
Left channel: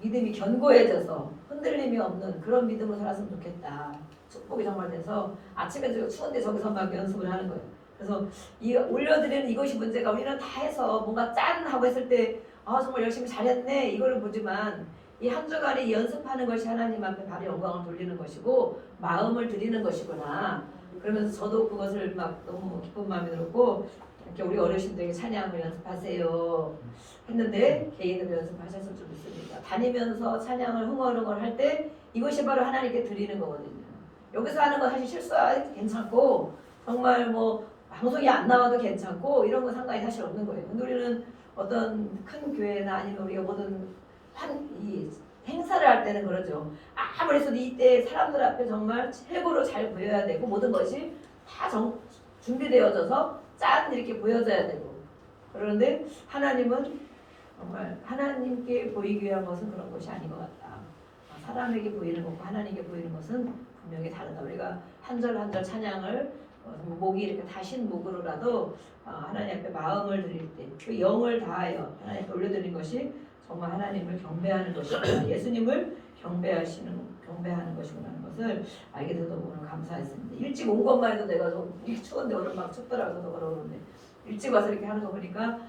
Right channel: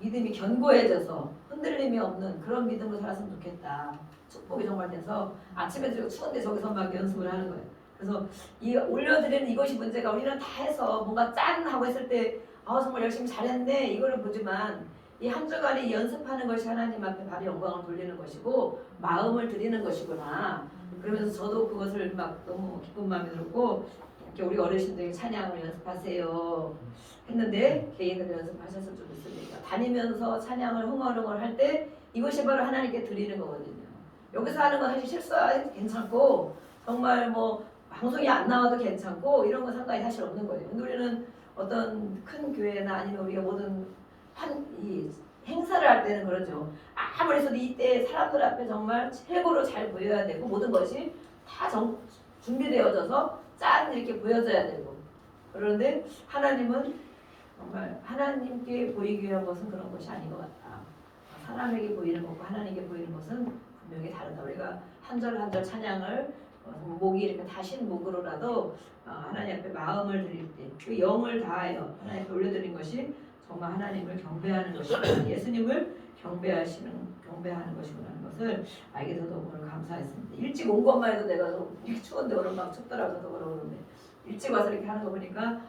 믿음이 견고해져서 흔들림이 없는 그런 믿음으로 살았으면 좋겠다. 축복이 정말 돼서 아침에 추운데 저기서 막 연습을 하는 거예요. 그래서 이 올려드리는 이것이 문제가 우리는 다 해서 뭔가 짠 하고 했을 때 정말 열심히 잘했네 이거를 보지만 이 한 주간에 연습하는 것이 하나님 앞에 바로 영광을 돌리는 것이고 마음을 드리는 것이구나. 그러면서 저도 그것을 막 너무 기쁜 마음이 들었고 이렇게 우리 어르신들에게 찬양을 연습하세요 했는데 개인으로 연습하셨으면 좋겠습니다. 다니면서 찬양을 흥얼흥얼 할 때 이것이 바로 하나님께 드리는 거거든요. 여기서 하는 건 사실 실수해도 괜찮고 정말 뭐 방송이 안 나와도 괜찮고 이런 건 상관이 사실 없는 거예요. 근데 우리는 어떤 큰 교회나 아니면 우리가 모든 이 행사를 할 때는 그러죠. 아무리 해도 이때 사람들 앞에 정말 최고로 잘 보여야 되고 모든 것이 다 준비되어져서 짠 이렇게 보여져야 되고 그런데 하나님은 정말 하나님께 보이기 위한 것은 그런 것이 아닌 것 같다. 사람에게 보이는 것과 하나님께 보이는 것은 분명히 다르다. 우리가 한 절 한 절 찬양을 목이 이렇게 다신 목으로라도 하나님 앞에 마음을 드릴 때 그 영을 다하여 하나님 앞에 올려드린 것이 정말 하나님을 경배하는 것이구나. 예수님을 경배하는 것이구나 하는 것을 알게 돼서 오늘 감사했습니다. 일찍 온 것만 해도 내가 이렇게 추운데 오늘 막 춥더라고요. 저도 그러는데 일찍 와서 이렇게 하는 거 보니까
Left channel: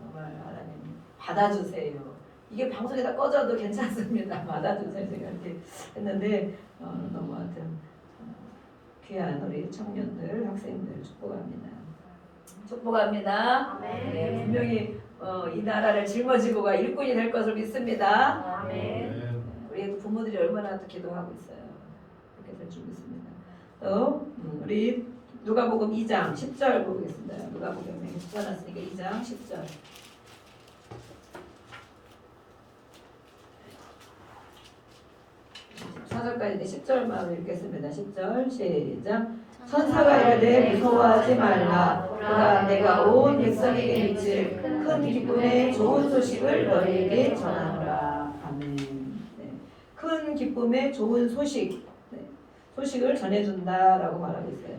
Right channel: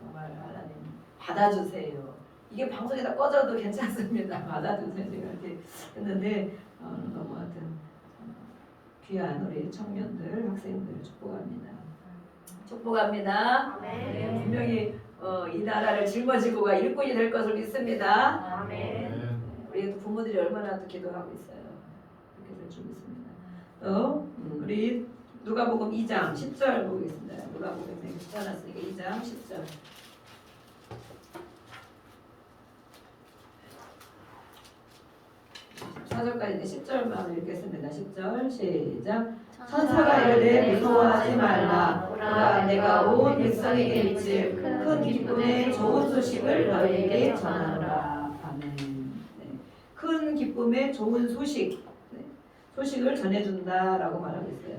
정말 하나님 받아주세요. 이게 방송에 다 꺼져도 괜찮습니다. 받아주세요. 제가 이렇게 했는데 너무 하여튼 귀한 우리 청년들, 학생들 축복합니다. 축복합니다. 네, 분명히 이 나라를 짊어지고 가 일꾼이 될 것을 믿습니다. 우리 부모들이 얼마나 또 기도하고 있어요. 그렇게 될 줄 믿습니다. 또 우리 누가복음 2장 10절 보겠습니다. 누가복음에 써놨으니까 2장 10절. 4절까지 10절만 읽겠습니다. 10절 시작. 천사가 이르되 무서워하지 말라. 보라 내가 온 백성에게 미칠 큰 기쁨의 좋은 소식을 너희에게 전하노라. 아멘. 네. 큰 기쁨의 좋은 소식, 소식을 전해준다라고 말하고 있어요.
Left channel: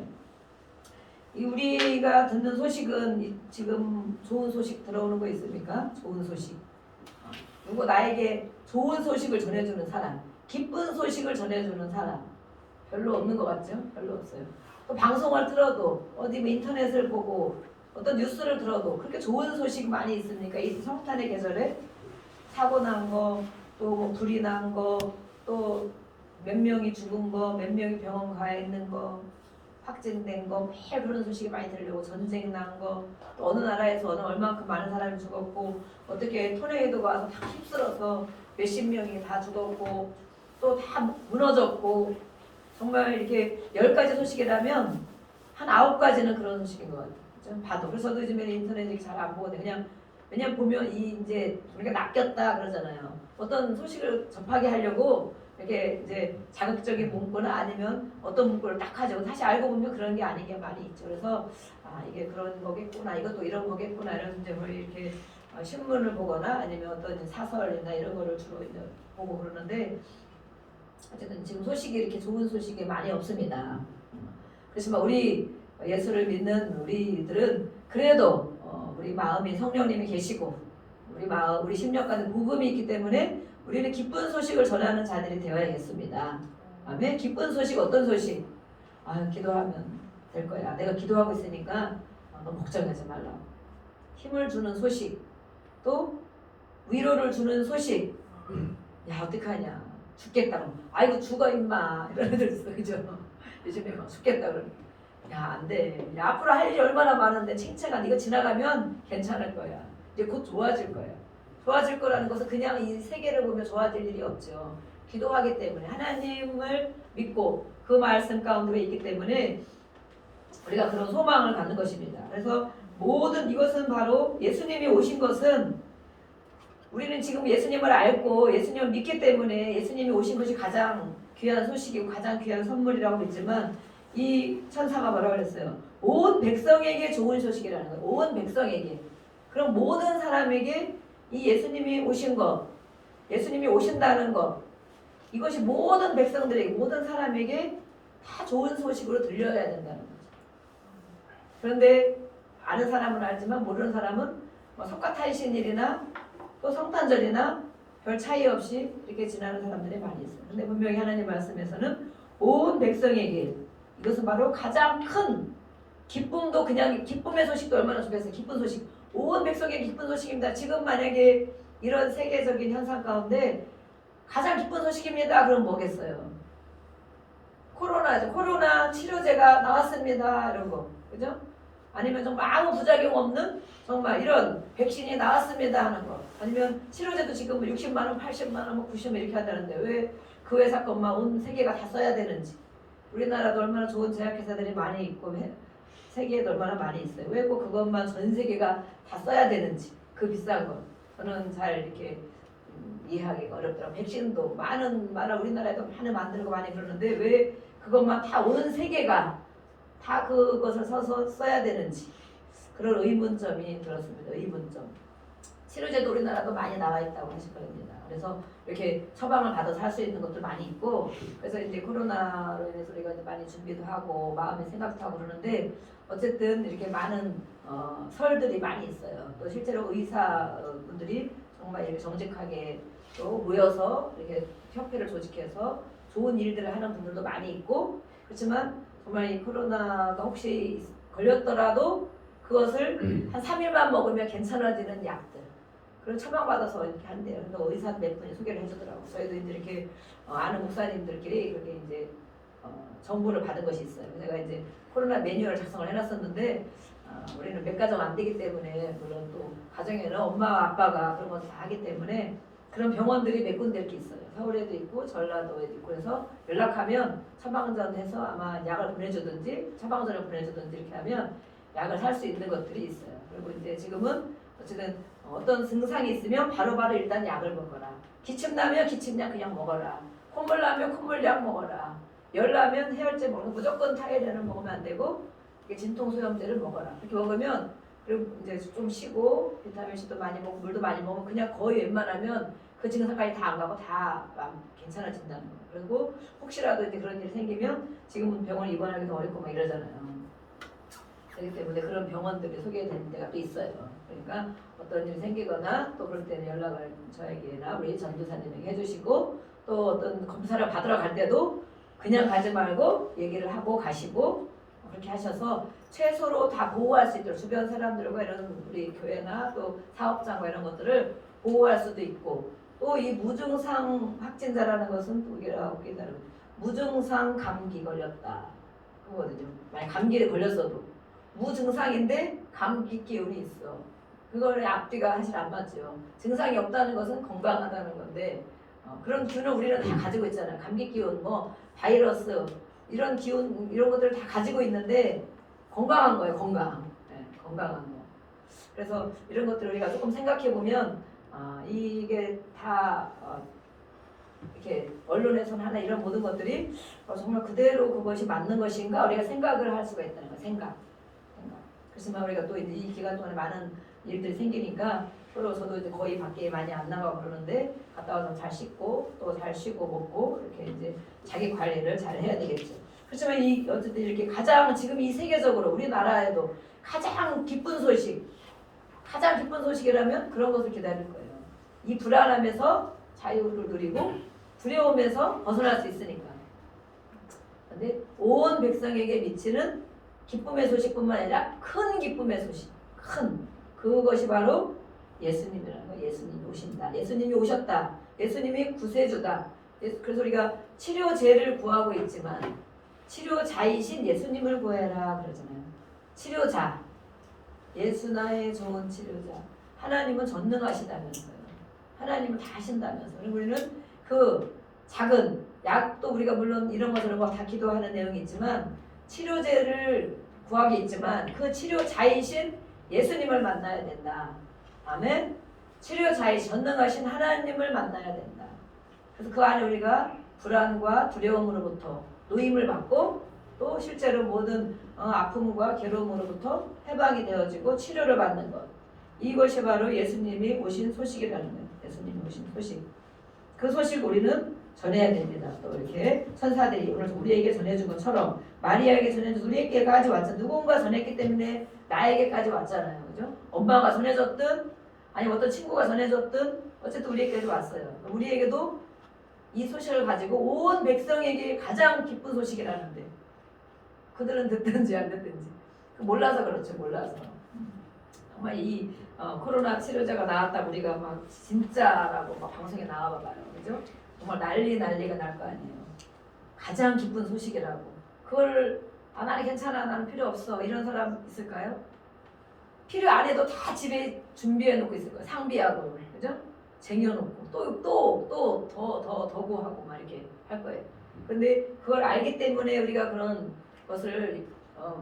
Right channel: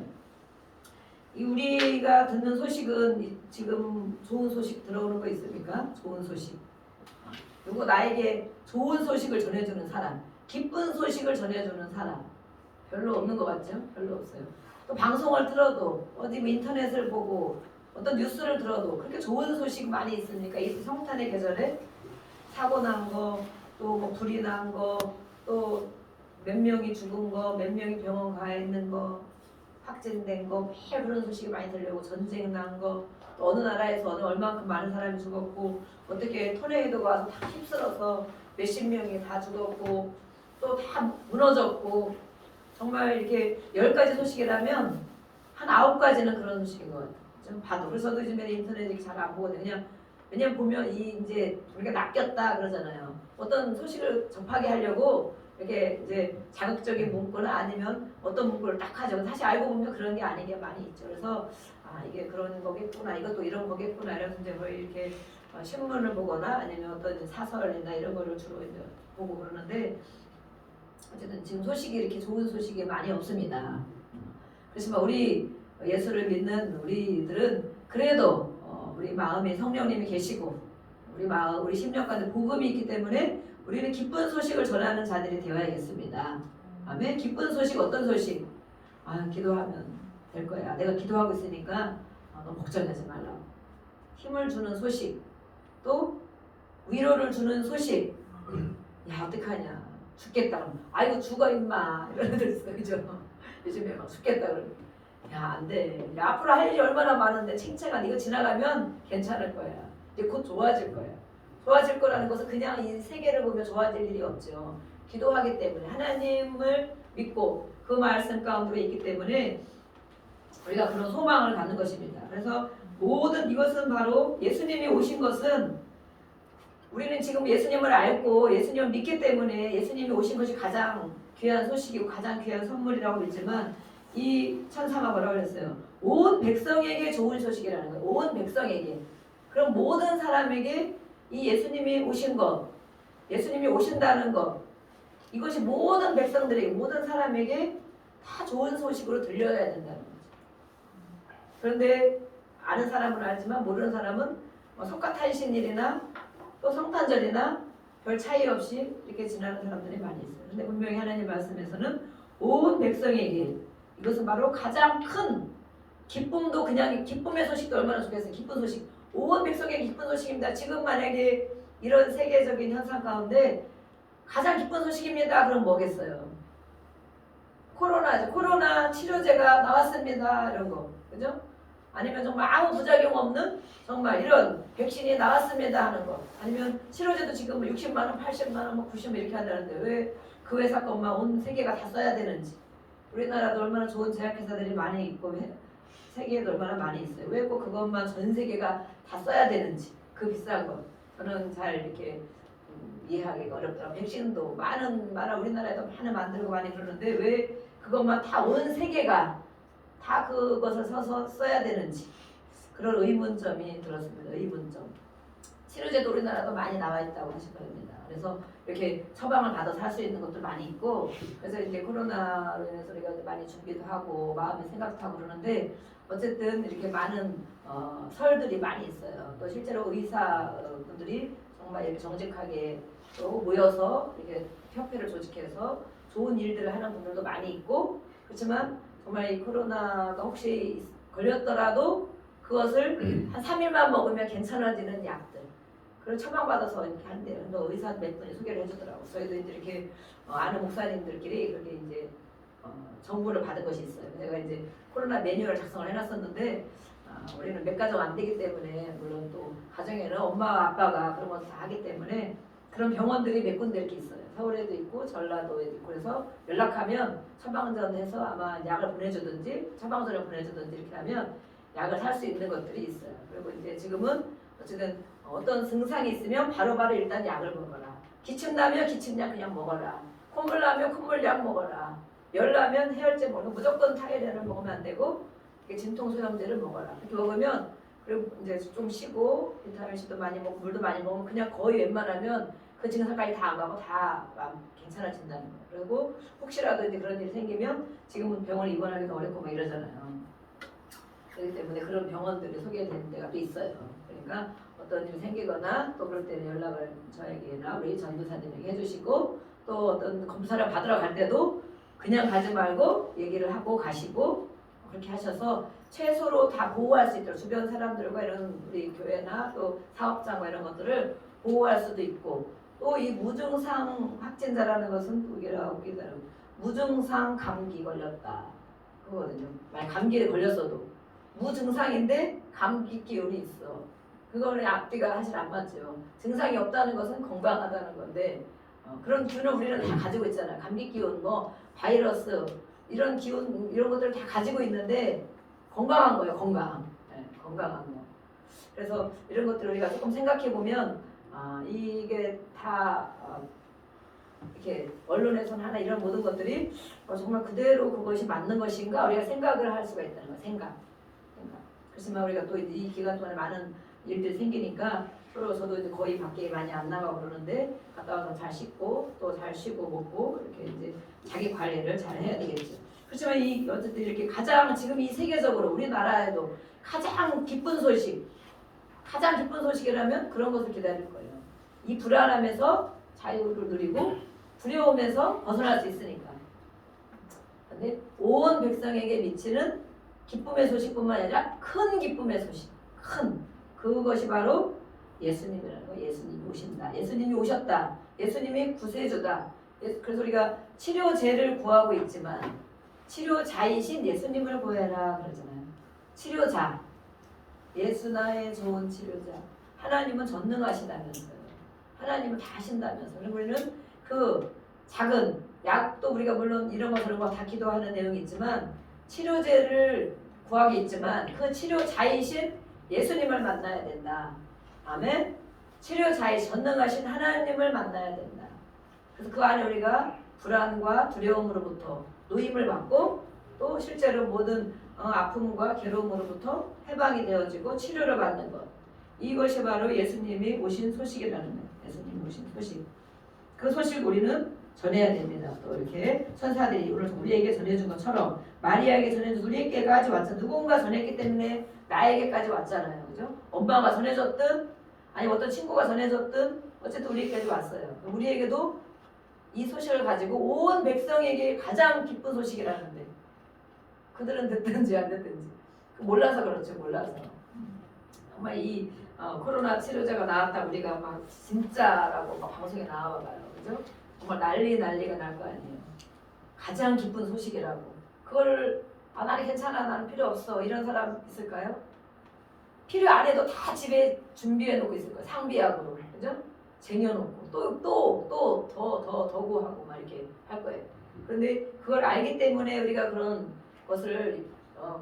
우리가 듣는 소식은 지금 좋은 소식 들어오는 거 있습니까? 좋은 소식. 누구 나에게 좋은 소식을 전해주는 사람, 기쁜 소식을 전해주는 사람 별로 없는 것 같죠? 별로 없어요. 또 방송을 들어도 어디 인터넷을 보고 어떤 뉴스를 들어도 그렇게 좋은 소식 많이 있습니까? 이 성탄의 계절에 사고 난 거, 또 뭐 불이 난 거, 또 몇 명이 죽은 거, 몇 명이 병원 가 있는 거, 확진된 거 매일 그런 소식이 많이 들려고 전쟁 난 거, 또 어느 나라에서 얼마만큼 많은 사람이 죽었고 어떻게 토네이도가 와서 다 휩쓸어서 몇십 명이 다 죽었고 또 다 무너졌고 정말 이렇게 10가지 소식이라면 한 9가지는 그런 소식인 것 같아요. 좀 봐도. 그래서 저도 요즘에 인터넷에 잘 안 보거든요. 그냥 보면 이제 우리가 낚였다 그러잖아요. 어떤 소식을 접하게 하려고 이렇게 이제 자극적인 문구나 아니면 어떤 문구를 딱 하죠. 사실 알고 보면 그런 게 아닌 게 많이 있죠. 그래서 이게 그런 거겠구나, 이것도 이런 거겠구나 이런 이제 뭐 이렇게 신문을 보거나 아니면 어떤 사설이나 이런 거를 주로 이제 보고 그러는데 어쨌든 지금 소식이 이렇게 좋은 소식이 많이 없습니다. 그렇지만 우리 예수를 믿는 우리들은 그래도 우리 마음에 성령님이 계시고 우리 심령 가운데 복음이 있기 때문에 우리는 기쁜 소식을 전하는 자들이 되어야겠습니다. 아멘. 기쁜 소식 어떤 소식? 기도하면 될 거야. 내가 기도하고 있으니까 너 걱정하지 말라고. 힘을 주는 소식, 또 위로를 주는 소식. 야 어떡하냐. 죽겠다. 아이고 죽어 임마. 이런 애들 있어. 그죠? 요즘에 막 죽겠다 그러면 야 안 돼. 야, 앞으로 할 일이 얼마나 많은데 칭칭한 이거 지나가면 괜찮을 거야. 이제 곧 좋아질 거야. 좋아질 거라는 것은 그냥 이 세계를 보면 좋아질 일이 없죠. 기도하기 때문에 하나님을 믿고 그 말씀 가운데 있기 때문에 우리가 그런 소망을 갖는 것입니다. 그래서 모든 이것은 바로 예수님이 오신 것은 우리는 지금 예수님을 알고 예수님을 믿기 때문에 예수님이 오신 것이 가장 귀한 소식이고 가장 귀한 선물이라고 믿지만 이 천사가 뭐라고 그랬어요? 온 백성에게 좋은 소식이라는 거예요. 온 백성에게. 그럼 모든 사람에게 이 예수님이 오신 것, 예수님이 오신다는 것, 이것이 모든 백성들에게, 모든 사람에게 다 좋은 소식으로 들려야 된다는 거죠. 그런데 아는 사람은 알지만 모르는 사람은 석가탄신일이나 또 성탄절이나 별 차이 없이 이렇게 지나는 사람들이 많이 있어요. 근데 분명히 하나님 말씀에서는 온 백성에게 이것은 바로 가장 큰 기쁨도 그냥 기쁨의 소식도 얼마나 좋겠어요. 기쁜 소식. 온 백성에게 기쁜 소식입니다. 지금 만약에 이런 세계적인 현상 가운데 가장 기쁜 소식입니다. 그럼 뭐겠어요? 코로나죠. 코로나 치료제가 나왔습니다. 이런 거. 그죠? 아니면 정말 아무 부작용 없는 정말 이런 백신이 나왔습니다 하는 거. 아니면 치료제도 지금 60만 원, 80만 원, 90만 원 이렇게 한다는데 왜 그 회사 것만 온 세계가 다 써야 되는지. 우리나라도 얼마나 좋은 제약회사들이 많이 있고 세계에도 얼마나 많이 있어요. 왜 꼭 그것만 전 세계가 다 써야 되는지. 그 비싼 거. 저는 잘 이렇게 이해하기가 어렵더라고요. 백신도 많은 우리나라에도 많이 만들고 많이 그러는데 왜 그것만 다 온 세계가 다 그것을 써야 되는지 그런 의문점이 들었습니다. 의문점. 치료제도 우리나라도 많이 나와 있다고 하실 겁니다. 그래서 이렇게 처방을 받아서 할 수 있는 것도 많이 있고 그래서 이제 코로나로 인해서 우리가 이제 많이 준비도 하고 마음의 생각도 하고 그러는데 어쨌든 이렇게 많은 설들이 많이 있어요. 또 실제로 의사분들이 정말 이렇게 정직하게 또 모여서 이렇게 협회를 조직해서 좋은 일들을 하는 분들도 많이 있고 그렇지만 정말 이 코로나가 혹시 걸렸더라도 그것을 한 3일만 먹으면 괜찮아지는 약들 그걸 처방받아서 이렇게 한대요. 또 의사 몇 분이 소개를 해주더라고요. 저희도 이제 이렇게 아는 목사님들끼리 그렇게 이제 정보를 받은 것이 있어요. 제가 이제 코로나 매뉴얼 작성을 해놨었는데 우리는 몇 가정 안 되기 때문에 물론 또 가정에는 엄마와 아빠가 그런 것을 다 하기 때문에 그런 병원들이 몇 군데 이렇게 있어요. 서울에도 있고 전라도에도 있고 그래서 연락하면 처방전해서 아마 약을 보내주든지 처방전을 보내주든지 이렇게 하면 약을 살 수 있는 것들이 있어요. 그리고 이제 지금은 어쨌든 어떤 증상이 있으면 바로바로 일단 약을 먹어라. 기침 나면 기침약 그냥 먹어라. 콧물 나면 콧물약 먹어라. 열 나면 해열제 먹어. 무조건 타이레놀 먹으면 안 되고 진통 소염제를 먹어라. 이렇게 먹으면 그리고 이제 좀 쉬고 비타민 C도 많이 먹고 물도 많이 먹으면 그냥 거의 웬만하면 그 증상까지 다 안 가고 다 괜찮아진다는 거예요. 그리고 혹시라도 이제 그런 일이 생기면 지금은 병원에 입원하기도 어렵고 막 이러잖아요. 그렇기 때문에 그런 병원들이 소개된 데가 또 있어요. 그러니까 어떤 일이 생기거나 또 그럴 때는 연락을 저에게나 우리 전도사님에게 해주시고 또 어떤 검사를 받으러 갈 때도 그냥 가지 말고 얘기를 하고 가시고 그렇게 하셔서 최소로 다 보호할 수 있도록 주변 사람들과 이런 우리 교회나 또 사업장과 이런 것들을 보호할 수도 있고 또 이 무증상 확진자라는 것은 또 우리가 무증상 감기 걸렸다 그거거든요. 만약 감기에 걸렸어도 무증상인데 감기 기운이 있어. 그거는 앞뒤가 사실 안 맞죠. 증상이 없다는 것은 건강하다는 건데 그런 기운을 우리는 다 가지고 있잖아요. 감기 기운, 뭐 바이러스 이런 기운 이런 것들을 다 가지고 있는데 건강한 거예요. 건강한 거. 그래서 이런 것들을 우리가 조금 생각해 보면 이게 다 이렇게 언론에서는 하나 이런 모든 것들이 정말 그대로 그것이 맞는 것인가 우리가 생각을 할 수가 있다는 거예요. 생각. 그렇지만 우리가 또 이 기간 동안에 많은 일들이 생기니까 저도 이제 거의 밖에 많이 안 나가고 그러는데 갔다 와서 잘 씻고 또 잘 쉬고 먹고 이렇게 이제 자기 관리를 잘 해야 되겠죠. 그렇지만 어쨌든 이렇게 가장 지금 이 세계적으로 우리나라에도 가장 기쁜 소식이라면 그런 것을 기다릴 거예요. 이 불안함에서 자유를 누리고 두려움에서 벗어날 수 있으니까. 근데 온 백성에게 미치는 기쁨의 소식뿐만 아니라 큰 기쁨의 소식, 그것이 바로 예수님이라는 거. 예수님이 오신다. 예수님이 오셨다. 예수님이 구세주다. 그래서 우리가 치료제를 구하고 있지만 치료자이신 예수님을 구해라 그러잖아요. 치료자. 예수 나의 좋은 치료자. 하나님은 전능하시다면서요. 하나님은 다 하신다면서. 그리고 우리는 그 작은 약도 우리가 물론 이런 거 저런 거 다 기도하는 내용이 있지만 치료제를 구하기 있지만 그 치료자이신 예수님을 만나야 된다. 아멘. 치료자이신 전능하신 하나님을 만나야 된다. 그래서 그 안에 우리가 불안과 두려움으로부터 노임을 받고 또 실제로 모든 아픔과 괴로움으로부터 해방이 되어지고 치료를 받는 것. 이것이 바로 예수님이 오신 소식이라는 거예요. 예수님이 오신 소식. 그 소식 우리는 전해야 됩니다. 또 이렇게 천사들이 오늘 우리에게 전해준 것처럼 마리아에게 전해준 우리에게까지 왔죠. 누군가 전했기 때문에 나에게까지 왔잖아요. 그죠? 엄마가 전해줬든 아니 어떤 친구가 전해줬든 어쨌든 우리에게까지 왔어요. 우리에게도 이 소식을 가지고 온 백성에게 가장 기쁜 소식이라는데 그들은 듣든지 안 듣든지 몰라서 그렇죠. 몰라서. 정말 이 코로나 치료제가 나왔다 우리가 막 진짜라고 막 방송에 나와봐요. 그죠? 정말 난리가 날 거 아니에요. 가장 기쁜 소식이라고. 그걸 나는 괜찮아 나는 필요 없어 이런 사람 있을까요? 필요 안 해도 다 집에 준비해 놓고 있을 거예요. 상비하고 그죠? 쟁여놓고 또 더 구하고 막 이렇게 할 거예요. 그런데 그걸 알기 때문에 우리가 그런 것을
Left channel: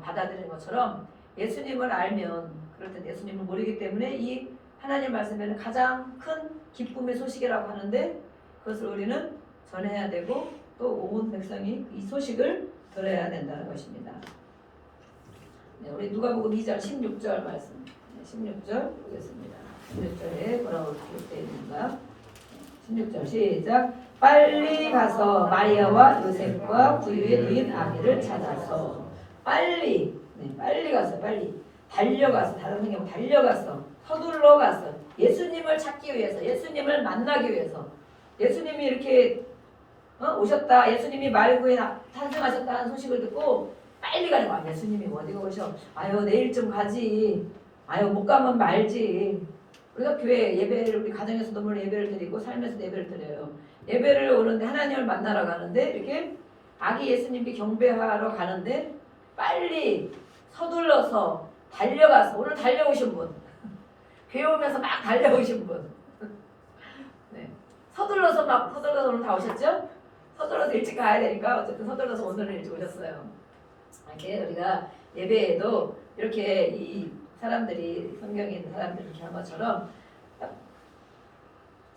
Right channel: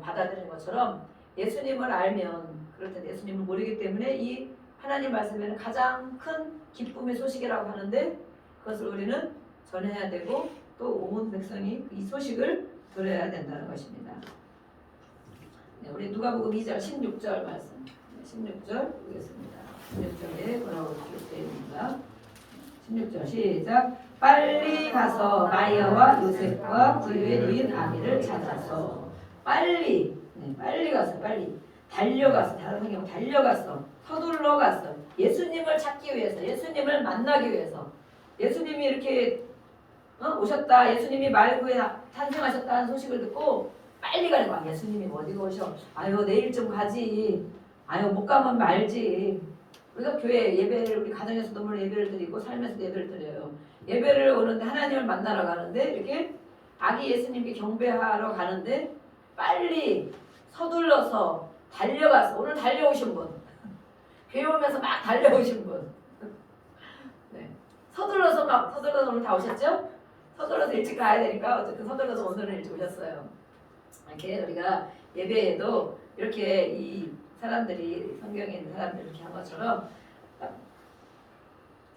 받아들이는 것처럼 예수님을 알면 그럴 텐데 예수님을 모르기 때문에 이 하나님 말씀에는 가장 큰 기쁨의 소식이라고 하는데 그것을 우리는 전해야 되고 또 온 백성이 이 소식을 들어야 된다는 것입니다. 네, 우리 누가복음 2장 16절 말씀 16절 보겠습니다. 16절에 뭐라고 기록되어 있는가? 16절 시작. 빨리 가서 마리아와 요셉과 부유에 누인 아기를 찾아서 빨리 가서 빨리 달려가서 다른 성경 달려가서 서둘러 가서 예수님을 찾기 위해서 예수님을 만나기 위해서 예수님이 이렇게 오셨다 예수님이 말구에 탄생하셨다는 소식을 듣고 빨리 가는 거야. 예수님이 어디가 오셔? 아유 내일 좀 가지. 아유 못 가면 말지. 우리가 교회 예배를 우리 가정에서도 물론 예배를 드리고 삶에서도 예배를 드려요. 예배를 오는데 하나님을 만나러 가는데 이렇게 아기 예수님께 경배하러 가는데 빨리 서둘러서 달려가서 오늘 달려오신 분 교회 오면서 막 달려오신 분 네. 서둘러서 오늘 다 오셨죠? 서둘러서 일찍 가야 되니까 어쨌든 서둘러서 오늘은 일찍 오셨어요. 이렇게 우리가 예배에도 이렇게 이 사람들이 성경에 있는 사람들이 이렇게 한 것처럼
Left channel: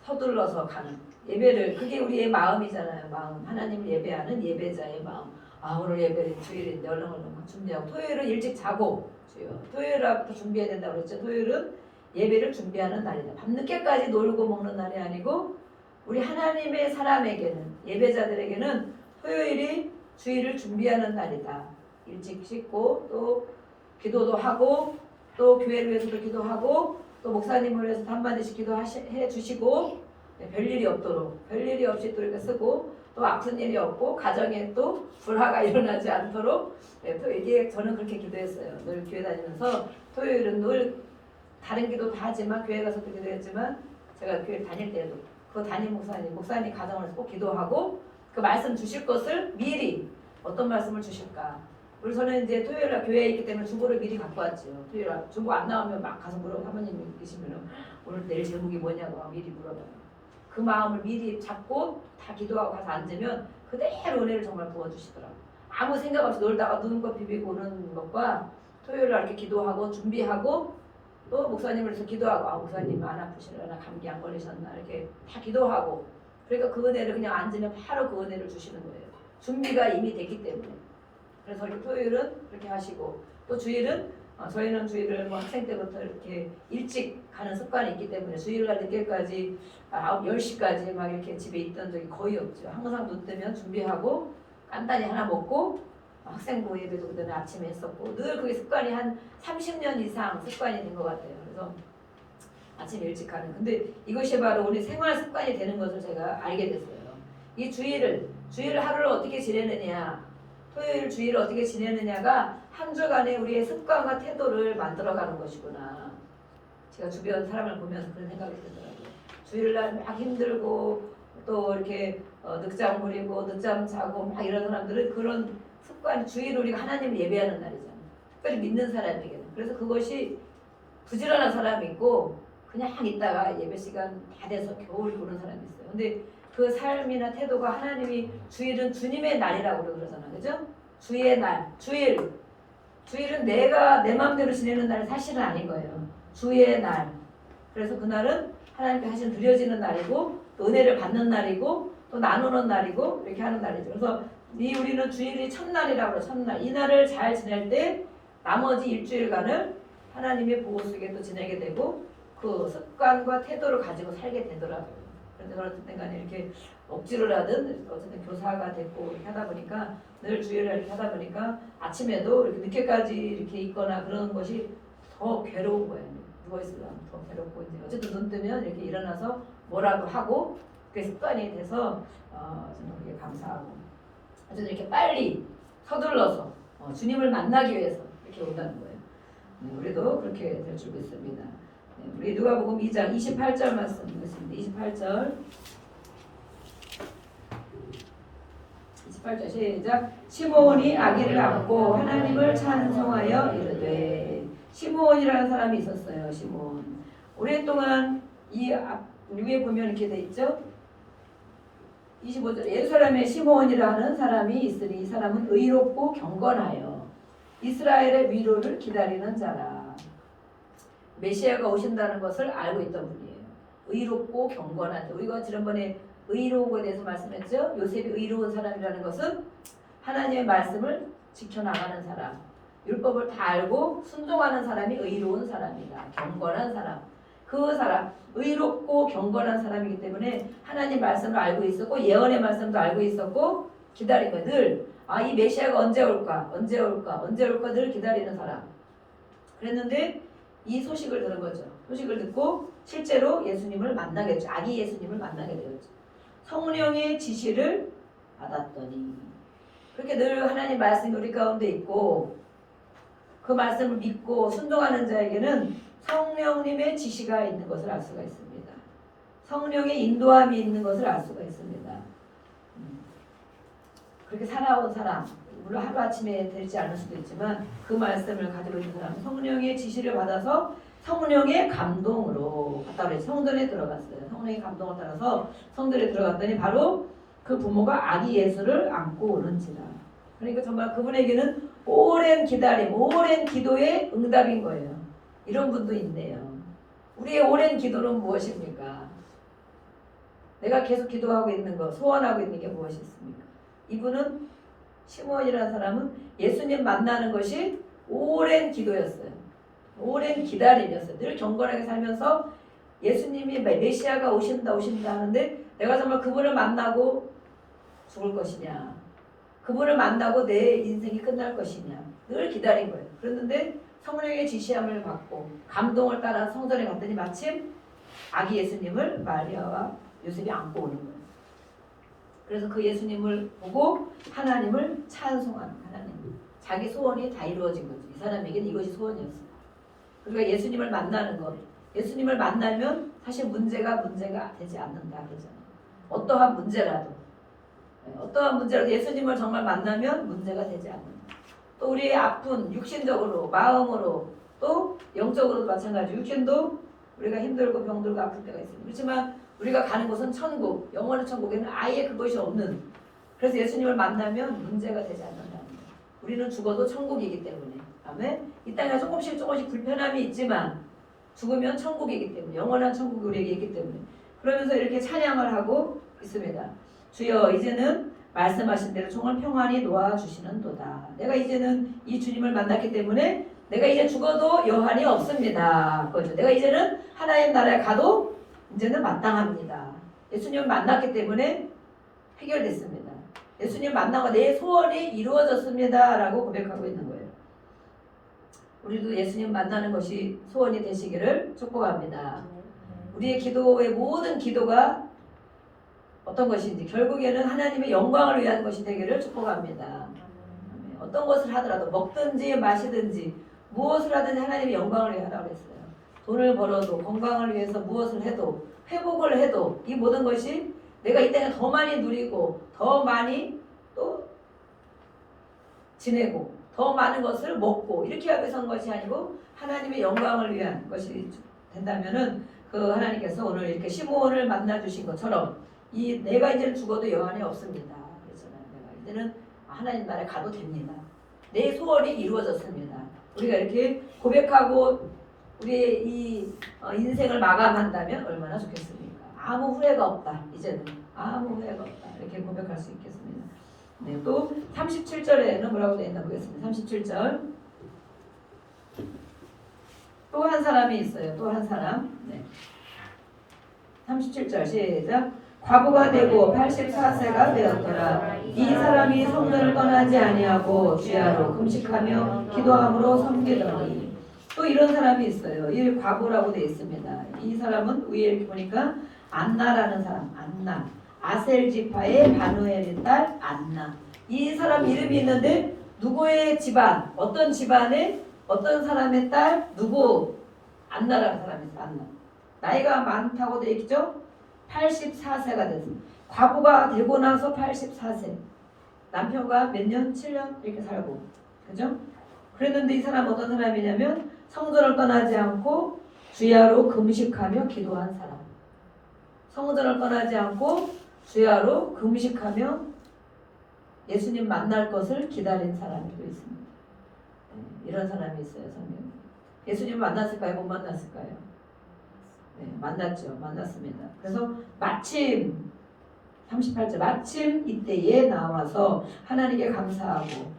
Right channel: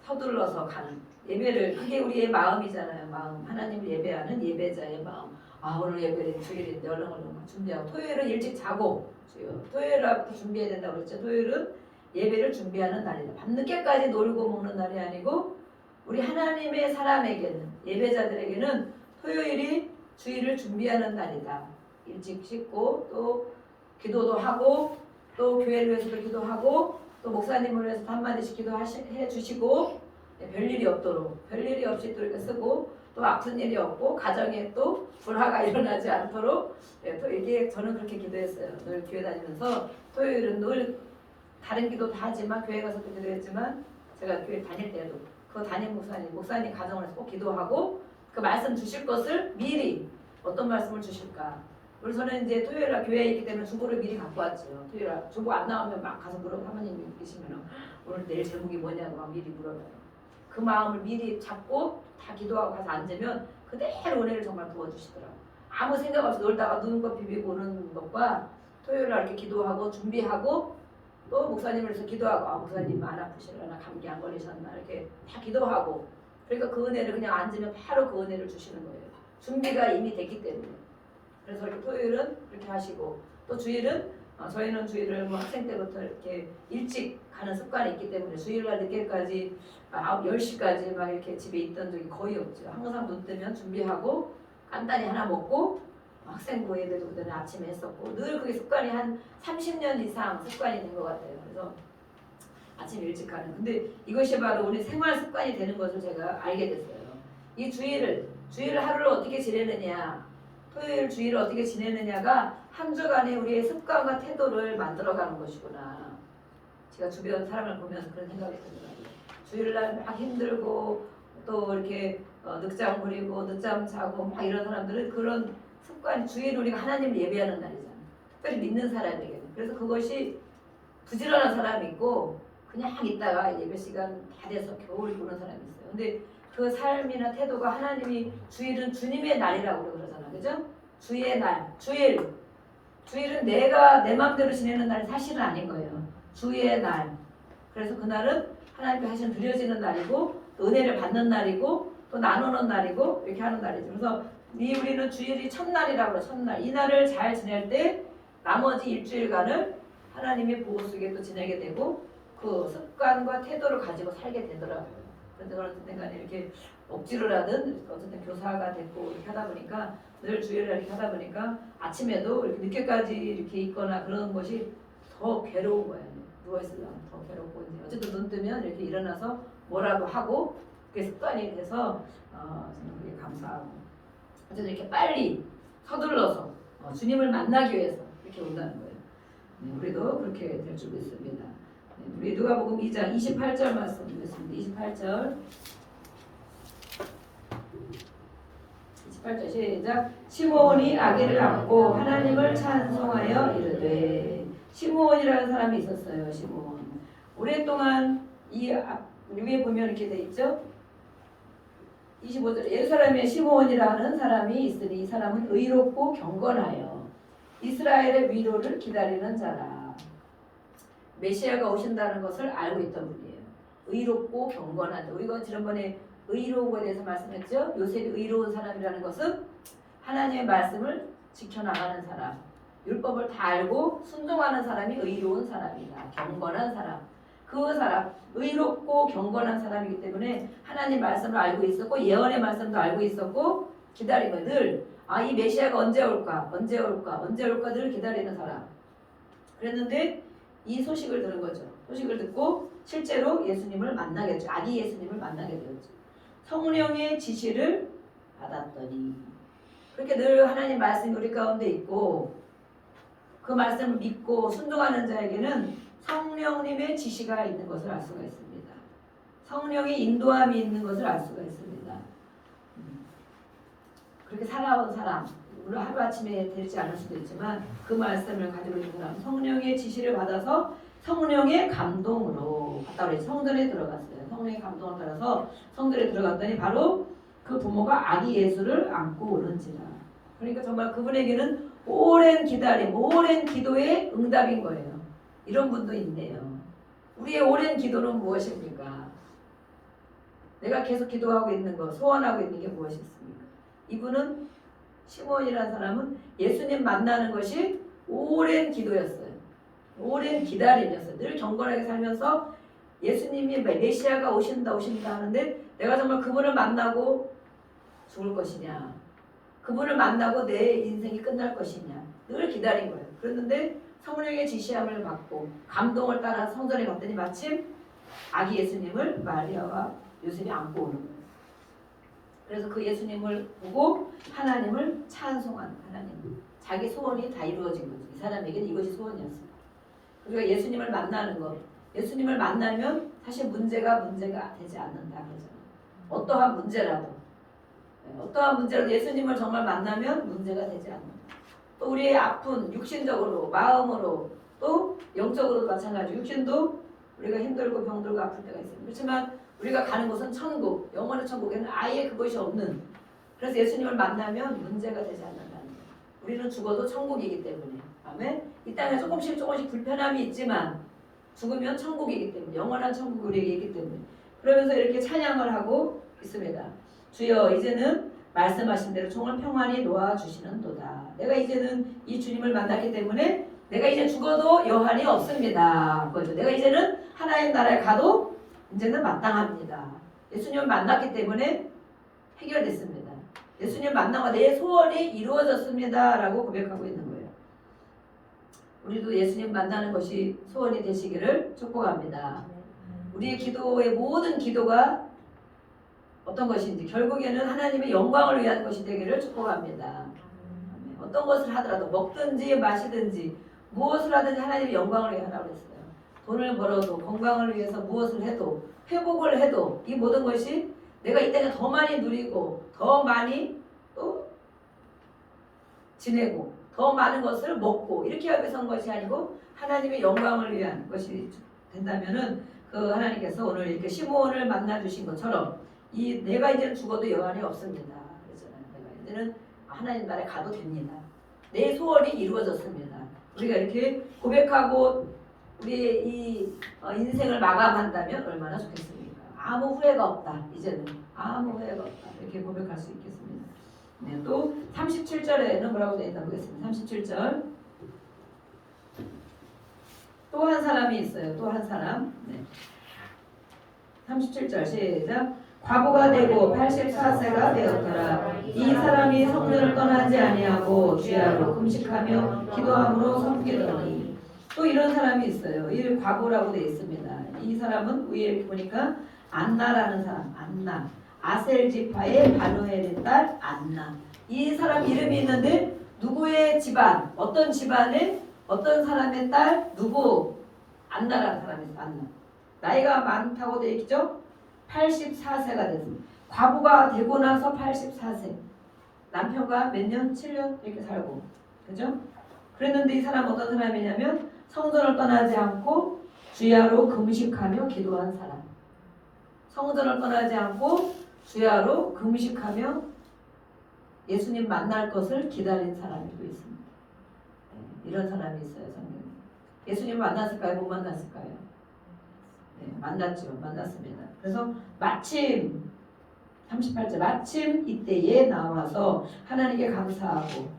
서둘러서 가는 예배를 그게 우리의 마음이잖아요. 마음 하나님을 예배하는 예배자의 마음. 오늘 예배는 주일인데 얼른 막 준비하고 토요일은 일찍 자고 토요일부터 준비해야 된다고 그랬죠. 토요일은 예배를 준비하는 날이다. 밤늦게까지 놀고 먹는 날이 아니고 우리 하나님의 사람에게는 예배자들에게는 토요일이 주일을 준비하는 날이다. 일찍 씻고 또 기도도 하고 또 교회를 위해서도 기도하고 또 목사님을 위해서 한마디씩 기도해 주시고 별일이 없도록 별일이 없이 또 이렇게 쓰고 또 아픈 일이 없고 가정에 또 불화가 일어나지 않도록 또 이게 저는 그렇게 기도했어요. 늘 교회 다니면서 토요일은 늘 다른 기도도 하지만 교회 가서도 기도했지만 제가 교회 다닐 때도 그 담임 목사님 가정을 꼭 기도하고 그 말씀 주실 것을 미리 어떤 말씀을 주실까. 그래서 저는 이제 토요일날 교회에 있기 때문에 중보를 미리 갖고 왔죠. 토요일날 중보 안 나오면 막 가서 물어 사모님이 계시면 오늘 내일 제목이 뭐냐고 막 미리 물어봐요. 그 마음을 미리 잡고 다 기도하고 가서 앉으면 그대로 은혜를 정말 부어주시더라고요. 아무 생각 없이 놀다가 눈곱 비비고 오는 것과 토요일날 이렇게 기도하고 준비하고 또 목사님을 위해서 기도하고 목사님 안 아프시려나 감기 안 걸리셨나 이렇게 다 기도하고 그러니까 그 은혜를 그냥 앉으면 바로 그 은혜를 주시는 거예요. 준비가 이미 됐기 때문에. 그래서 이렇게 토요일은 이렇게 하시고 또 주일은 저희는 주일을 뭐 학생 때부터 이렇게 일찍 가는 습관이 있기 때문에 주일날 늦게까지 10시까지 막 이렇게 집에 있던 적이 거의 없죠. 항상 눈 뜨면 준비하고 간단히 하나 먹고 학생부 예배도 그때는 아침에 했었고 늘 그게 습관이 한 30년 이상 습관이 된 것 같아요. 그래서 아침 일찍 가는. 근데 이것이 바로 우리 생활 습관이 되는 것을 제가 알게 됐어요. 이 주일을 하루를 어떻게 지내느냐 토요일 주일을 어떻게 지내느냐가 한 주간의 우리의 습관과 태도를 만들어가는 것이구나. 제가 주변 사람을 보면서 그런 생각이 들더라고요. 주일날 막 힘들고 또 이렇게 늦잠 부리고 늦잠 자고 막 이런 사람들은 그런 습관 주일 우리가 하나님을 예배하는 날이잖아요. 특별히 믿는 사람에게는. 그래서 그것이 부지런한 사람이 있고 그냥 있다가 예배 시간 다 돼서 겨우 오는 사람이 있어요. 근데 그 삶이나 태도가 하나님이 주일은 주님의 날이라고 그러잖아요. 그죠? 주의 날, 주일은 내가 내 마음대로 지내는 날은 사실은 아닌 거예요. 주의 날. 그래서 그날은 하나님께 하신 드려지는 날이고 또 은혜를 받는 날이고 또 나누는 날이고 이렇게 하는 날이죠. 그래서 우리는 주일이 첫날이라고 해요. 첫날. 이 날을 잘 지낼 때 나머지 일주일간을 하나님의 보호 속에 또 지내게 되고 그 습관과 태도를 가지고 살게 되더라고요. 그런데 그렇든 간에 이렇게 억지로라든 어쨌든 교사가 됐고 이렇게 하다 보니까 늘 주일을 이렇게 하다 보니까 아침에도 이렇게 늦게까지 이렇게 있거나 그런 것이 더 괴로운 거예요. 누워있으면 더 괴롭고 이제 어쨌든 눈 뜨면 이렇게 일어나서 뭐라도 하고 그게 습관이 돼서 저는 그게 감사하고 어쨌든 이렇게 빨리 서둘러서 주님을 만나기 위해서 이렇게 온다는 거예요. 네, 우리도 그렇게 될 줄 믿습니다. 네, 우리 누가복음 2장 28절 말씀 보겠습니다. 28절 시작. 시므온이 아기를 안고 하나님을 찬송하여 이르되. 시므온이라는 사람이 있었어요. 시므온. 오랫동안 이 위에 보면 이렇게 돼 있죠. 25절 예루살렘에 시므온이라는 사람이 있으니 이 사람은 의롭고 경건하여 이스라엘의 위로를 기다리는 자라. 메시아가 오신다는 것을 알고 있던 분이에요. 의롭고 경건한. 우리가 지난번에 의로운 것에 대해서 말씀했죠. 요셉이 의로운 사람이라는 것은 하나님의 말씀을 지켜나가는 사람, 율법을 다 알고 순종하는 사람이 의로운 사람이다. 경건한 사람. 그 사람, 의롭고 경건한 사람이기 때문에 하나님 말씀을 알고 있었고 예언의 말씀도 알고 있었고 기다린 거예요. 늘 이 메시아가 언제 올까 늘 기다리는 사람. 그랬는데 이 소식을 들은 거죠. 소식을 듣고 실제로 예수님을 만나게 됐죠. 아기 예수님을 만나게 되었죠. 성령의 지시를 받았더니 그렇게 늘 하나님 말씀이 우리 가운데 있고 그 말씀을 믿고 순종하는 자에게는 성령님의 지시가 있는 것을 알 수가 있습니다. 성령의 인도함이 있는 것을 알 수가 있습니다. 그렇게 살아온 사람, 물론 하루아침에 되지 않을 수도 있지만 그 말씀을 가지고 있는 사람, 성령의 지시를 받아서 성령의 감동으로 갔다 그랬죠. 성전에 들어갔어요. 성령의 감동을 따라서 성전에 들어갔더니 바로 그 부모가 아기 예수를 안고 오는지라. 그러니까 정말 그분에게는 오랜 기다림, 오랜 기도의 응답인 거예요. 이런 분도 있네요. 우리의 오랜 기도는 무엇입니까? 내가 계속 기도하고 있는 것, 소원하고 있는 게 무엇이 있습니까? 이분은 시므온이라는 사람은 예수님 만나는 것이 오랜 기도였어요. 오랜 기다림이었어요. 늘 경건하게 살면서 예수님이 메시아가 오신다 하는데 내가 정말 그분을 만나고 죽을 것이냐, 그분을 만나고 내 인생이 끝날 것이냐 늘 기다린 거예요. 그랬는데 성령의 지시함을 받고 감동을 따라 성전에 갔더니 마침 아기 예수님을 마리아와 요셉이 안고 오는 거예요. 그래서 그 예수님을 보고 하나님을 찬송하는 하나님. 자기 소원이 다 이루어진 거죠. 이 사람에게는 이것이 소원이었어요. 그러니까 예수님을 만나는 것. 예수님을 만나면 사실 문제가 되지 않는다 그러잖아요. 어떠한 문제라도 예수님을 정말 만나면 문제가 되지 않는다. 또 우리의 아픈 육신적으로, 마음으로, 또 영적으로도 마찬가지로 육신도 우리가 힘들고 병들고 아플 때가 있습니다. 그렇지만 우리가 가는 곳은 천국, 영원의 천국에는 아예 그것이 없는. 그래서 예수님을 만나면 문제가 되지 않는다는 거예요. 우리는 죽어도 천국이기 때문에. 아멘. 이 땅에 조금씩 불편함이 있지만 죽으면 천국이기 때문에, 영원한 천국이 우리에게 있기 때문에. 그러면서 이렇게 찬양을 하고 있습니다. 주여 이제는 말씀하신 대로 종을 평안히 놓아주시는도다. 내가 이제는 이 주님을 만났기 때문에 내가 이제 죽어도 여한이 없습니다. 그렇죠? 내가 이제는 하나님 나라에 가도 이제는 마땅합니다. 예수님을 만났기 때문에 해결됐습니다. 예수님 만나고 내 소원이 이루어졌습니다. 라고 고백하고 있는 거예요. 우리도 예수님 만나는 것이 소원이 되시기를 축복합니다. 우리의 기도의 모든 기도가 어떤 것인지 결국에는 하나님의 영광을 위한 것이 되기를 축복합니다. 어떤 것을 하더라도 먹든지 마시든지 무엇을 하든지 하나님의 영광을 위해 하라고 했어요. 돈을 벌어도 건강을 위해서 무엇을 해도 회복을 해도 이 모든 것이 내가 이 땅에 더 많이 누리고 더 많이 또 지내고 더 많은 것을 먹고 이렇게 하기 위해서 한 것이 아니고 하나님의 영광을 위한 것이 된다면은 그 하나님께서 오늘 이렇게 시므온을 만나 주신 것처럼 이 내가 이제는 죽어도 여한이 없습니다. 그랬잖아요. 내가 이제는 하나님 나라에 가도 됩니다. 내 소원이 이루어졌습니다. 우리가 이렇게 고백하고 우리의 이 인생을 마감한다면 얼마나 좋겠습니까? 아무 후회가 없다. 이제는 아무 후회가 없다. 이렇게 고백할 수 있겠습니다. 네, 또 37절에는 뭐라고 되어 있나 보겠습니다. 37절 또 한 사람이 있어요. 또 한 사람. 네. 37절 시작. 과부가 되고 84세가 되었더라. 이 사람이 성전을 떠나지 아니하고 주야로 금식하며 기도함으로 섬기더니 또 이런 사람이 있어요. 이 과부라고 되어 있습니다. 이 사람은 위에 이렇게 보니까 안나라는 사람, 안나. 아셀 지파의 바누엘의 딸 안나. 이 사람 이름이 있는데 누구의 집안, 어떤 집안의 어떤 사람의 딸, 누구? 안나라는 사람이 있어요. 안나. 나이가 많다고 되어 있죠? 84세가 됐습니다. 과부가 되고 나서 84세. 남편과 몇 년? 7년 이렇게 살고. 그죠? 그랬는데 이 사람 어떤 사람이냐면 성전을 떠나지 않고 주야로 금식하며 기도한 사람. 성전을 떠나지 않고 주야로 금식하며 예수님 만날 것을 기다린 사람이 또 있습니다. 이런 사람이 있어요. 성경에. 예수님 만났을까요? 못 만났을까요? 네, 만났죠. 만났습니다. 그래서 마침 38절 마침 이때에 나와서 하나님께 감사하고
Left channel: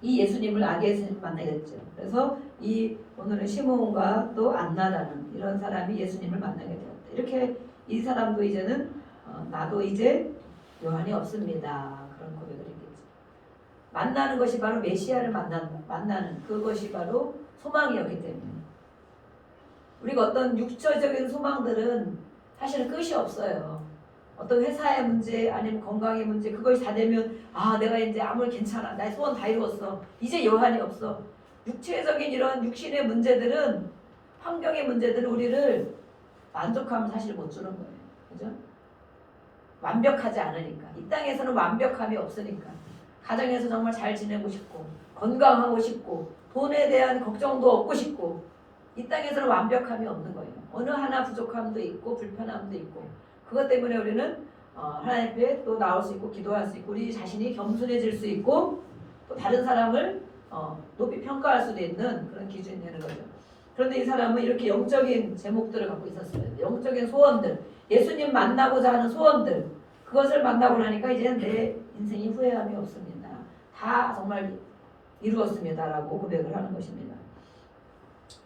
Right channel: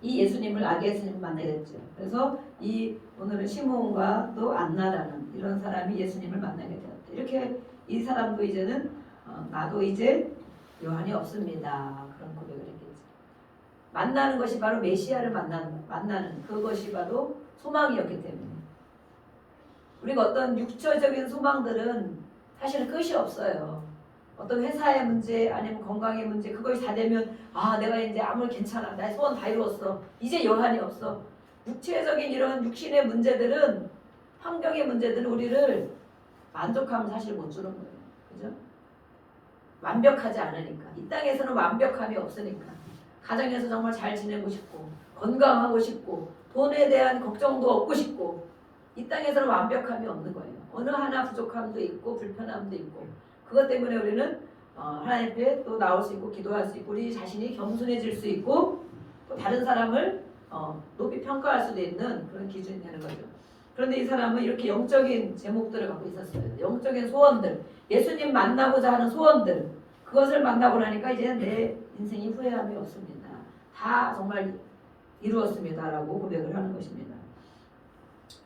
이 예수님을 아기 예수님을 만나겠죠. 그래서 이 오늘은 시므온과 또 안나라는 이런 사람이 예수님을 만나게 되었다. 이렇게 이 사람도 이제는 나도 이제 요한이 없습니다. 그런 고백을 했겠지. 만나는 것이 바로 메시아를 만나는 그것이 바로 소망이었기 때문에 우리가 어떤 육체적인 소망들은 사실 끝이 없어요. 어떤 회사의 문제 아니면 건강의 문제 그것이 다 되면 내가 이제 아무리 괜찮아 나의 소원 다 이루었어 이제 여한이 없어. 육체적인 이런 육신의 문제들은 환경의 문제들은 우리를 만족하면 사실 못 주는 거예요. 그죠? 완벽하지 않으니까 이 땅에서는 완벽함이 없으니까 가정에서 정말 잘 지내고 싶고 건강하고 싶고 돈에 대한 걱정도 없고 싶고 이 땅에서는 완벽함이 없는 거예요. 어느 하나 부족함도 있고 불편함도 있고 그것 때문에 우리는 하나님 앞에 또 나올 수 있고 기도할 수 있고 우리 자신이 겸손해질 수 있고 또 다른 사람을 높이 평가할 수도 있는 그런 기준이 되는 거죠. 그런데 이 사람은 이렇게 영적인 제목들을 갖고 있었어요. 영적인 소원들, 예수님 만나고자 하는 소원들 그것을 만나고 나니까 이제 내 인생이 후회함이 없습니다. 다 정말 이루었습니다라고 고백을 하는 것입니다.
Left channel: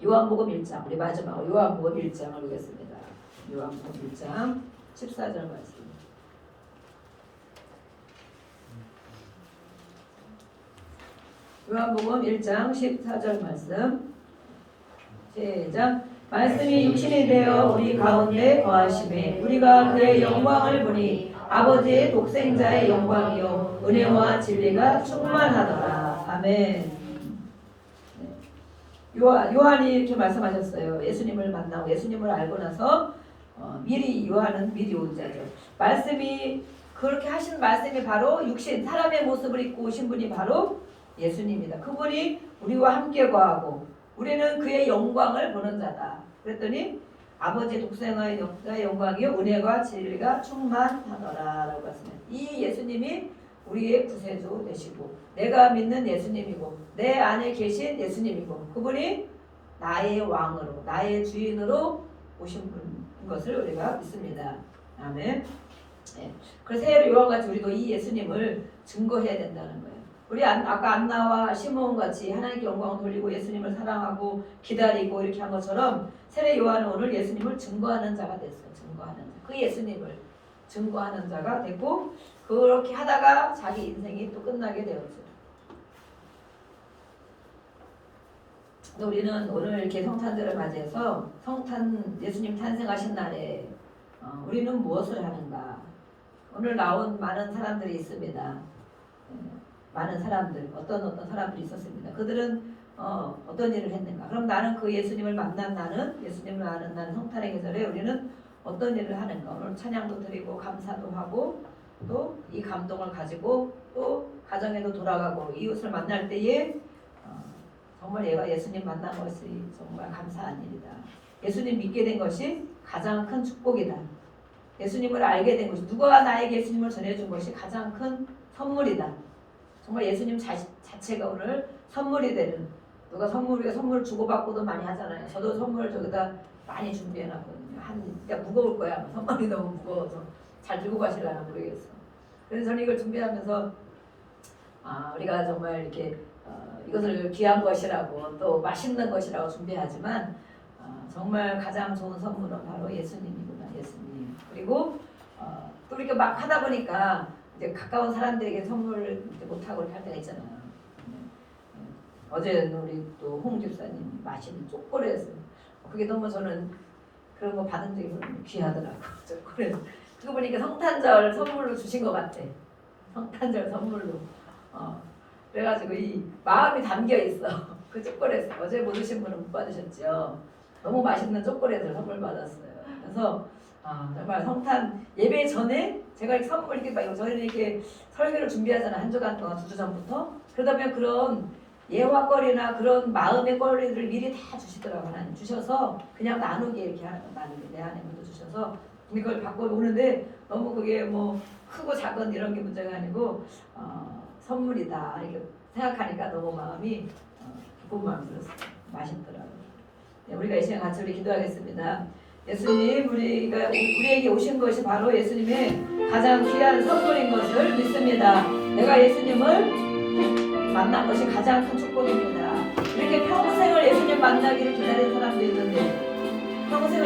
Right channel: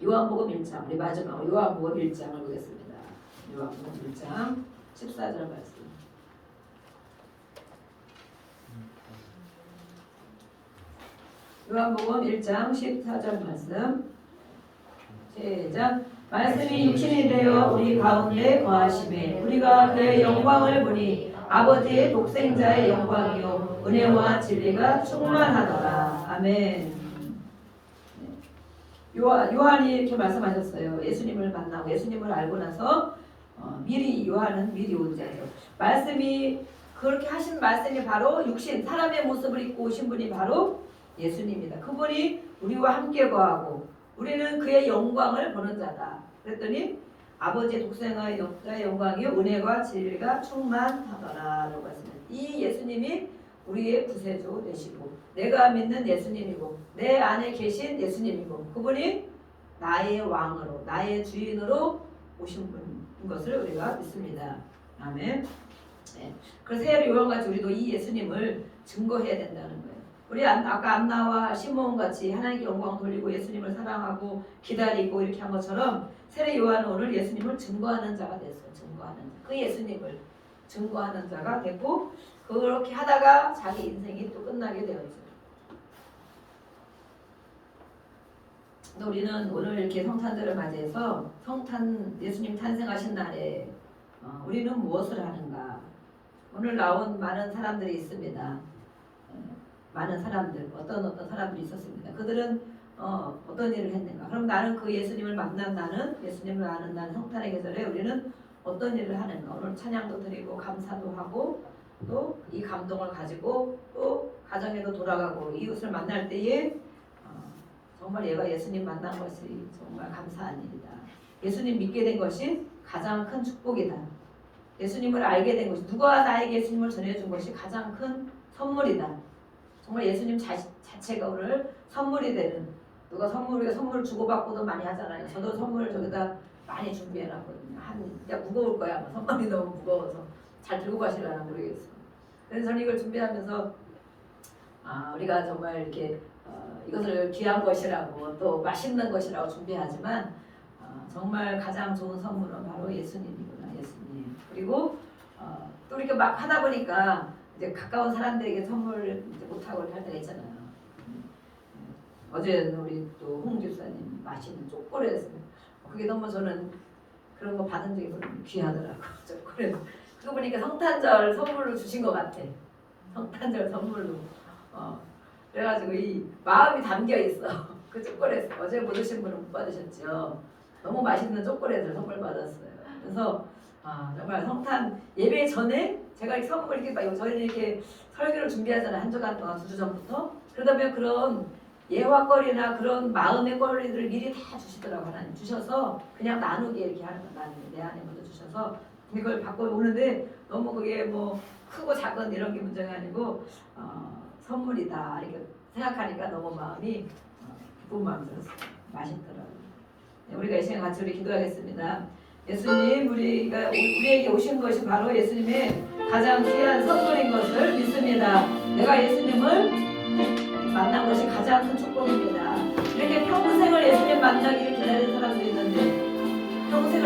요한복음 1장 우리 마지막 요한복음 1장을 보겠습니다. 요한복음 1장 14절 말씀. 요한복음 1장 14절 말씀. 시작. 말씀이 육신이 되어 우리 가운데 거하심에 우리가 그의 영광을 보니 아버지의 독생자의 영광이요 은혜와 진리가 충만하더라. 아멘. 요한이 이렇게 말씀하셨어요. 예수님을 만나고 예수님을 알고 나서 미리 요한은 미리 온 자죠. 말씀이 그렇게 하신 말씀이 바로 육신 사람의 모습을 입고 오신 분이 바로 예수님이다. 그분이 우리와 함께 거하고 우리는 그의 영광을 보는 자다. 그랬더니 아버지의 독생자의 영광이요 은혜와 진리가 충만하더라라고 했습니다. 이 예수님이 우리의 구세주 되시고 내가 믿는 예수님이고 내 안에 계신 예수님이고 그분이 나의 왕으로 나의 주인으로 오신 분인 것을 우리가 믿습니다. 아멘. 네. 그래서 요한같이 우리도 이 예수님을 증거해야 된다는 거예요. 우리 아까 안나와 시므온 같이 하나님께 영광을 돌리고 예수님을 사랑하고 기다리고 이렇게 한 것처럼 세례 요한은 오늘 예수님을 증거하는 자가 됐어요. 증거하는 자. 그 예수님을 증거하는 자가 되고 그렇게 하다가 자기 인생이 또 끝나게 되었죠. 우리는 오늘 이렇게 성탄절을 맞이해서 성탄 예수님 탄생하신 날에 우리는 무엇을 하는가? 오늘 나온 많은 사람들이 있습니다. 많은 사람들 어떤 사람들이 있었습니다. 그들은 어떤 일을 했는가? 그럼 나는 그 예수님을 만난 나는 예수님을 아는 나는 성탄의 계절에 우리는 어떤 일을 하는가? 오늘 찬양도 드리고 감사도 하고 또 이 감동을 가지고 또 가정에도 돌아가고 이웃을 만날 때에 정말 얘가 예수님 만난 것이 정말 감사한 일이다. 예수님 믿게 된 것이 가장 큰 축복이다. 예수님을 알게 된 것이 누가 나에게 예수님을 전해준 것이 가장 큰 선물이다. 정말 예수님 자체가 오늘 선물이 되는 누가 우리가 선물 주고받고도 많이 하잖아요. 저도 선물을 저기다 많이 준비해놨거든요. 그러니까 무거울 거야. 아마 선물이 너무 무거워서 잘 들고 가시려나 모르겠어. 그래서 저는 이걸 준비하면서 우리가 정말 이렇게 이것을 귀한 것이라고 또 맛있는 것이라고 준비하지만 정말 가장 좋은 선물은 바로 예수님이구나. 예수님. 그리고 또 이렇게 막 하다 보니까 이제 가까운 사람들에게 선물을 못 하고 할 때가 있잖아요. 어제 우리 또 홍 집사님 맛있는 초콜릿을 그게 너무 저는 그런 거 받은 적이 너무 귀하더라고. 초콜릿 그거 보니까 성탄절 선물로 주신 것 같아. 성탄절 선물로. 그래가지고 이 마음이 담겨 있어. 그 초콜릿 어제 못 드신 분은 못 받으셨죠. 너무 맛있는 초콜릿을 선물 받았어요. 그래서 정말 성탄 예배 전에 제가 이 선물 이렇게 막 저희는 이렇게 설교를 준비하잖아. 한 주간 동안 2주 전부터. 그러다 보면 그런 예화거리나 그런 마음의 거리들을 미리 다 주시더라고요. 하나님 주셔서 그냥 나누게 이렇게 하는 거 나누게 내 안에 먼저 주셔서 근데 그걸 받고 오는데 너무 그게 뭐 크고 작은 이런 게 문제가 아니고 선물이다 이렇게 생각하니까 너무 마음이 기쁜 마음 들었어요. 맛있더라고요. 네, 우리가 이 시간 같이 우리 기도하겠습니다. 예수님 우리에게 오신 것이 바로 예수님의 가장 귀한 선물인 것을 믿습니다. 내가 예수님을 만난 것이 가장 큰 축복입니다. 이렇게 평생을 예수님 만나기를 기다리는 사람도 있는데 평생을